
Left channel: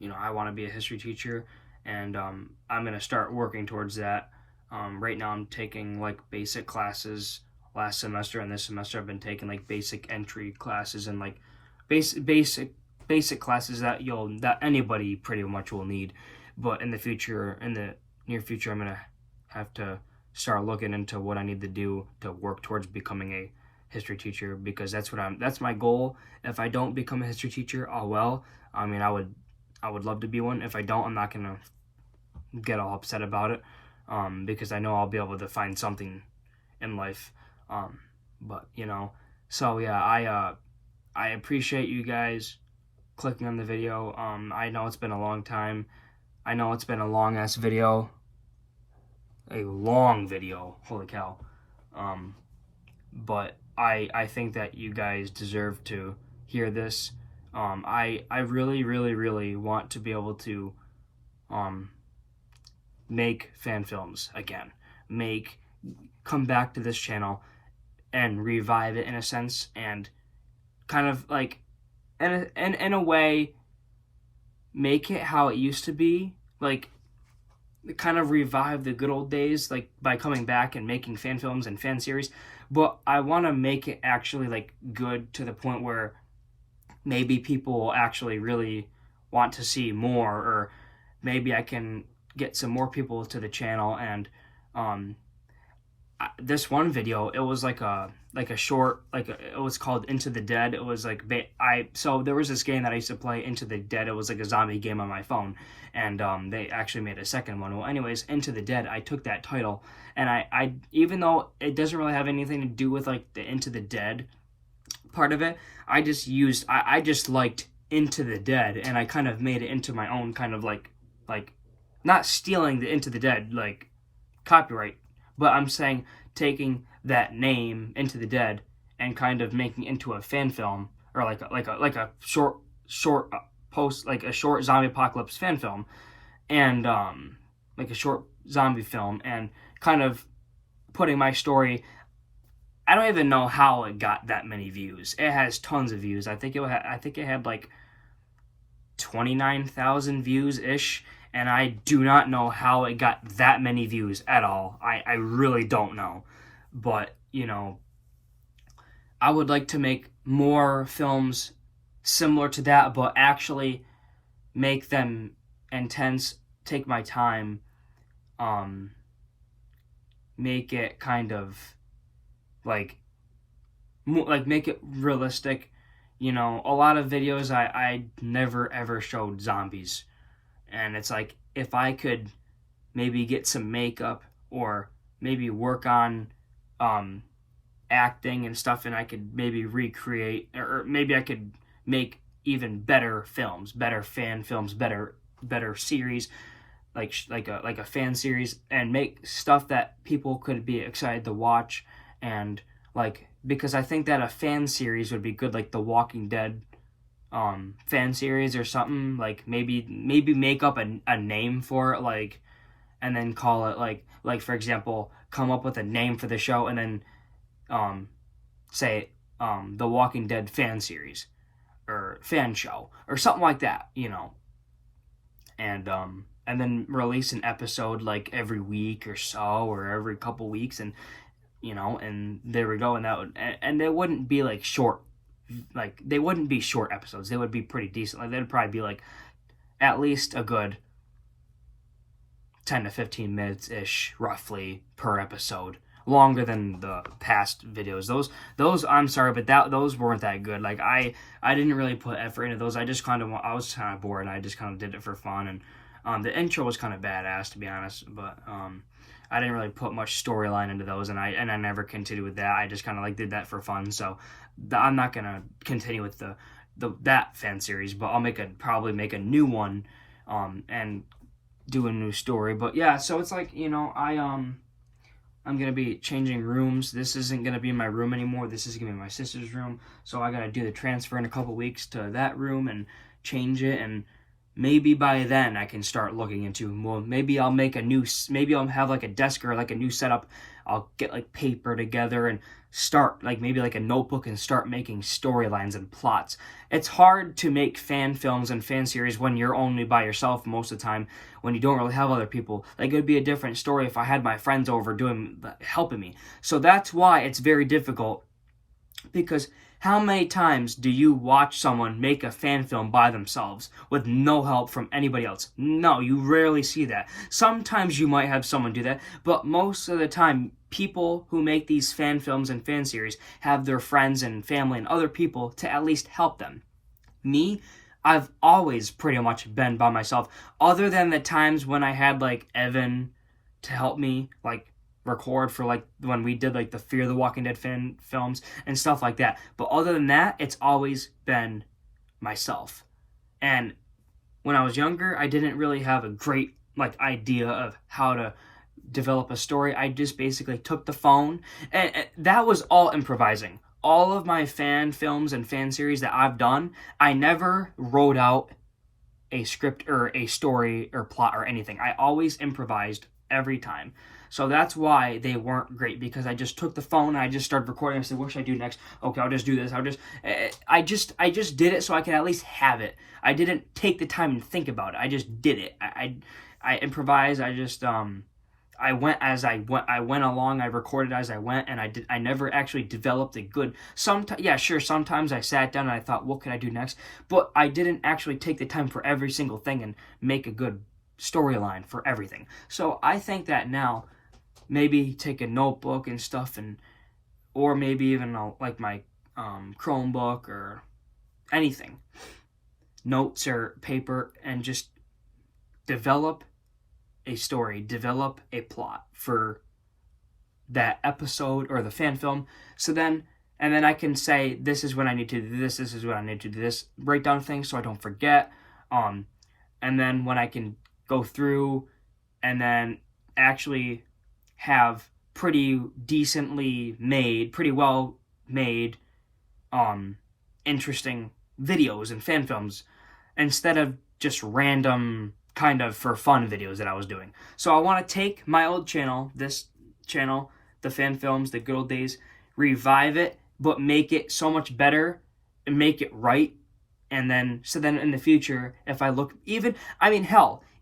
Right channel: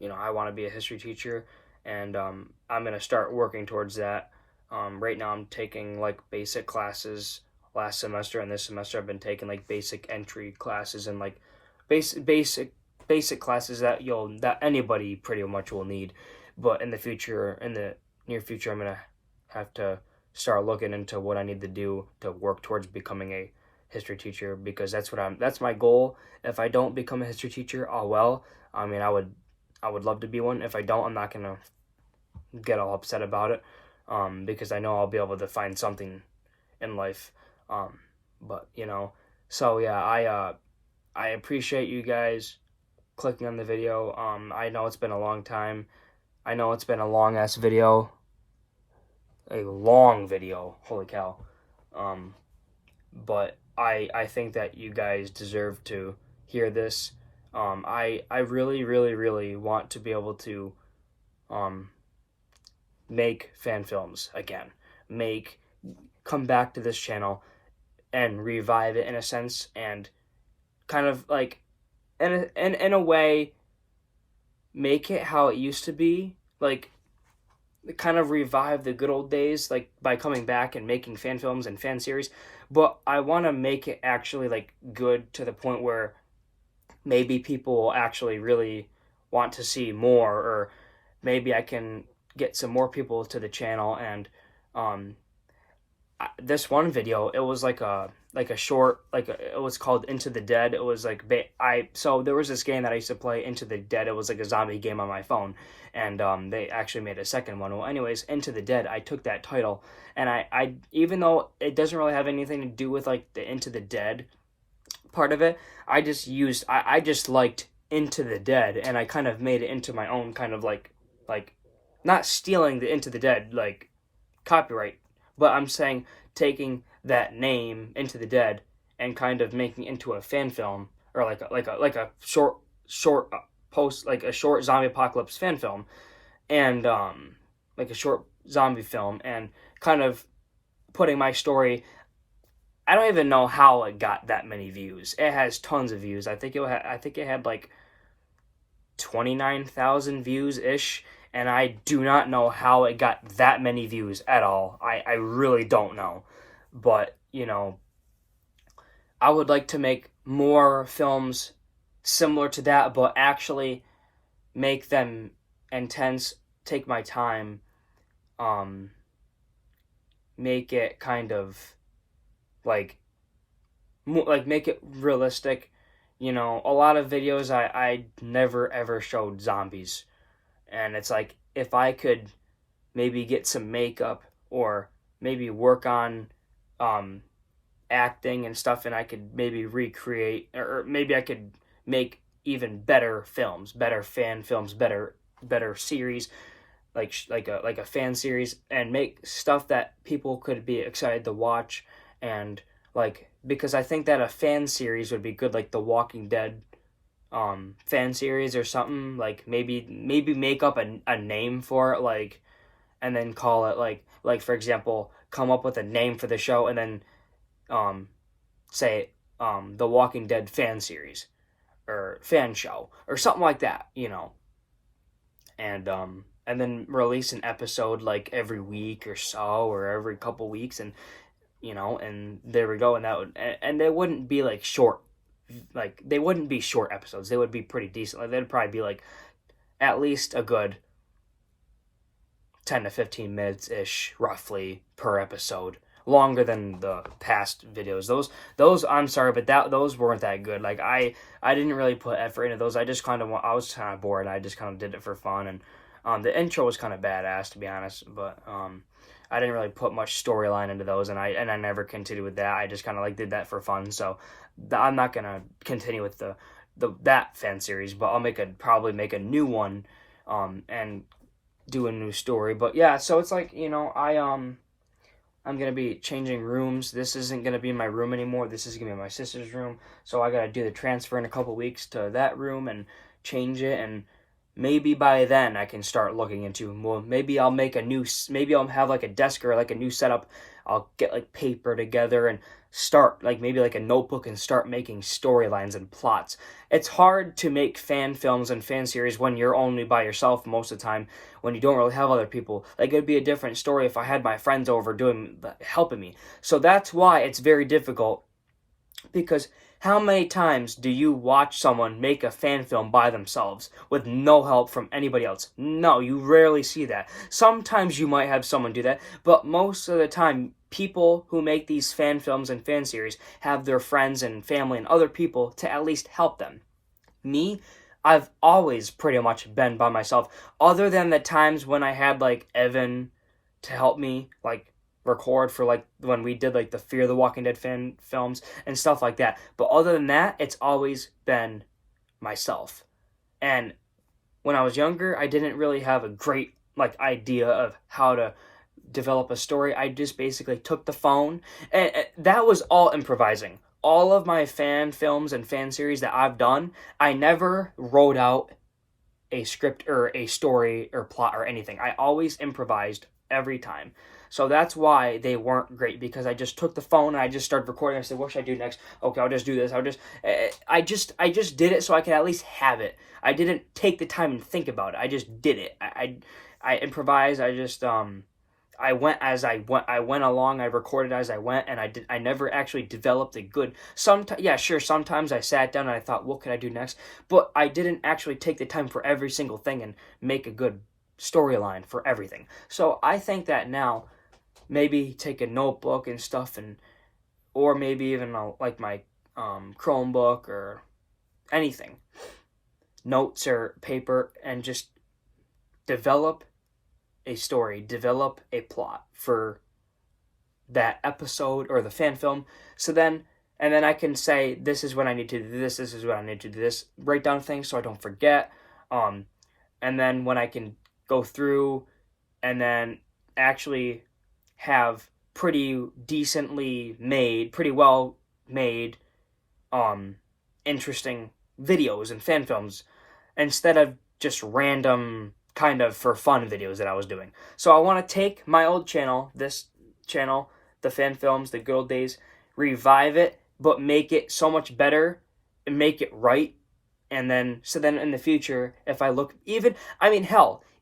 want to be a history teacher, and I'm going to start working towards that. Right now I'm taking like basic classes last semester, and this semester I've been taking like basic entry classes and like basic classes that anybody pretty much will need. But in the near future, I'm going to have to start looking into what I need to do to work towards becoming a history teacher, because that's my goal. If I don't become a history teacher, oh well. I mean, I would love to be one. If I don't, I'm not gonna get all upset about it, because I know I'll be able to find something in life. But so yeah, I appreciate you guys clicking on the video. I know it's been a long time. I know it's been a long ass video, a long video. Holy cow. But I think that you guys deserve to hear this. I really, really, really want to be able to make fan films again. Come back to this channel and revive it in a sense, and kind of like in a way make it how it used to be, like kind of revive the good old days, like by coming back and making fan films and fan series. But I want to make it actually like good, to the point where maybe people will actually really want to see more, or maybe I can get some more people to the channel. And this one video, it was like a short, it was called Into the Dead. It was like so there was this game that I used to play, Into the Dead. It was like a zombie game on my phone, and they actually made a second one. Well, anyways, Into the Dead, I took that title, and I even though it doesn't really have anything to do with like the Into the Dead part of it, I just liked Into the Dead, and I kind of made it into my own kind of like not stealing the Into the Dead like copyright, but I'm saying taking that name, Into the Dead, and kind of making it into a fan film, or like a short post, like a short zombie apocalypse fan film, and like a short zombie film, and kind of putting my story. I don't even know how it got that many views. It has tons of views. I think it had like 29,000 views ish, and I do not know how it got that many views at all. I really don't know. But, I would like to make more films similar to that, but actually make them intense, take my time, make it kind of like make it realistic. You know, a lot of videos I never ever showed zombies, and it's like if I could maybe get some makeup or maybe work on um acting and stuff, and I could maybe recreate, or maybe I could make even better films, better fan films, better series, like a fan series, and make stuff that people could be excited to watch. And like, because I think that a fan series would be good, like the Walking Dead fan series or something. Like maybe make up a name for it, like, and then call it like for example, come up with a name for the show, and then um say the Walking Dead fan series or fan show or something like that, you know. And then release an episode like every week or so, or every couple weeks, and you know, and there we go. And that would, and they wouldn't be like short, like they wouldn't be short episodes. They would be pretty decent. Like they'd probably be like at least a good 10 to 15 minutes ish, roughly, per episode. Longer than the past videos. Those I'm sorry, but those weren't that good. Like I didn't really put effort into those. I was kind of bored. And I just kind of did it for fun, and the intro was kind of badass, to be honest. But I didn't really put much storyline into those, and I never continued with that. I just kind of like did that for fun. So I'm not gonna continue with that fan series, but I'll probably make a new one, and do a new story. But yeah, so it's like, you know, I'm going to be changing rooms. This isn't going to be my room anymore. This is going to be my sister's room. So I got to do the transfer in a couple weeks to that room and change it. And maybe by then I can start looking into, well, maybe I'll have like a desk or like a new setup. I'll get like paper together and start like maybe like a notebook and start making storylines and plots. It's hard to make fan films and fan series when you're only by yourself most of the time, when you don't really have other people. Like, it would be a different story if I had my friends over helping me. So that's why it's very difficult, because how many times do you watch someone make a fan film by themselves with no help from anybody else? No, you rarely see that. Sometimes you might have someone do that, but most of the time, people who make these fan films and fan series have their friends and family and other people to at least help them. Me, I've always pretty much been by myself, other than the times when I had like Evan to help me, like record for like when we did like the Fear the Walking Dead fan films and stuff like that. But other than that, it's always been myself. And when I was younger, I didn't really have a great like idea of how to develop a story. I just basically took the phone, and that was all improvising. All of my fan films and fan series that I've done, I never wrote out a script or a story or plot or anything. I always improvised every time. So that's why they weren't great, because I just took the phone and I just started recording. I said, what should I do next? Okay, I'll just do this. I just did it so I could at least have it. I didn't take the time and think about it. I just did it. I improvised. I went as I went along. I recorded as I went, and I never actually developed a good. Sometimes I sat down and I thought, what could I do next? But I didn't actually take the time for every single thing and make a good storyline for everything. So I think that now, maybe take a notebook and stuff, or maybe even like my Chromebook or anything, notes or paper, and just develop a story, develop a plot for that episode or the fan film. And then I can say, this is what I need to do this is what I need to do this, break down things so I don't forget. And then when I can go through and then actually have pretty well made, interesting videos and fan films, instead of just random kind of for fun videos that I was doing. So I want to take my old channel, this channel, the fan films, the good old days, revive it, but make it so much better and make it right. And then in the future, if I look, even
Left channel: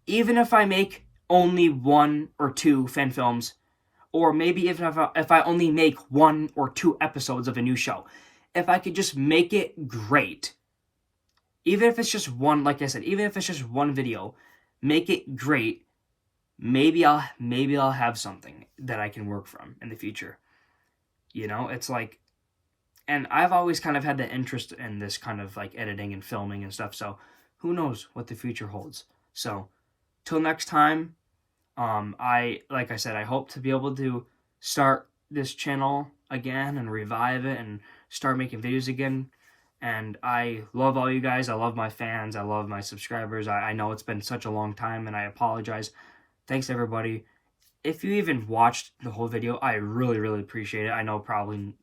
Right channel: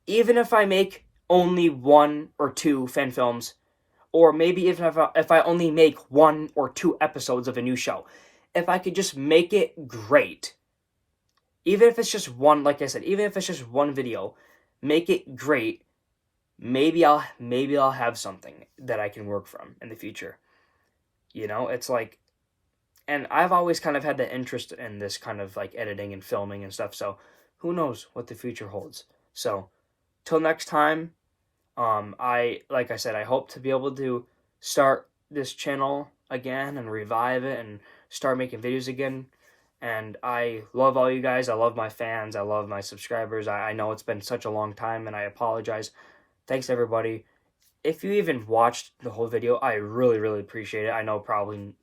if I make only 1 or 2 fan films, or maybe if I only make 1 or 2 episodes of a new show, if I could just make it great, even if it's just one, like I said, even if it's just one video, make it great, maybe I'll have something that I can work from in the future. It's like, and I've always kind of had the interest in this kind of like editing and filming and stuff. So who knows what the future holds. So till next time, like I said, I hope to be able to start this channel again and revive it and start making videos again. And I love all you guys. I love my fans. I love my subscribers. I know it's been such a long time, and I apologize. Thanks, everybody. If you even watched the whole video, I really, really appreciate it. I know probably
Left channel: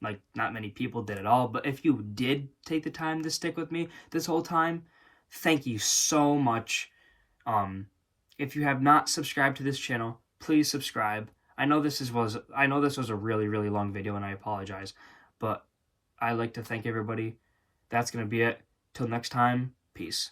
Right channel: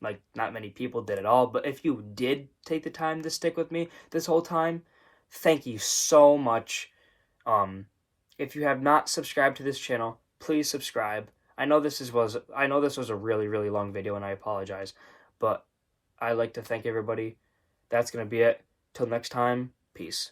like not many people did at all, but if you did take the time to stick with me this whole time, thank you so much. If you have not subscribed to this channel, please subscribe. I know this was a really, really long video, and I apologize, but I'd like to thank everybody. That's gonna be it. Till next time, peace.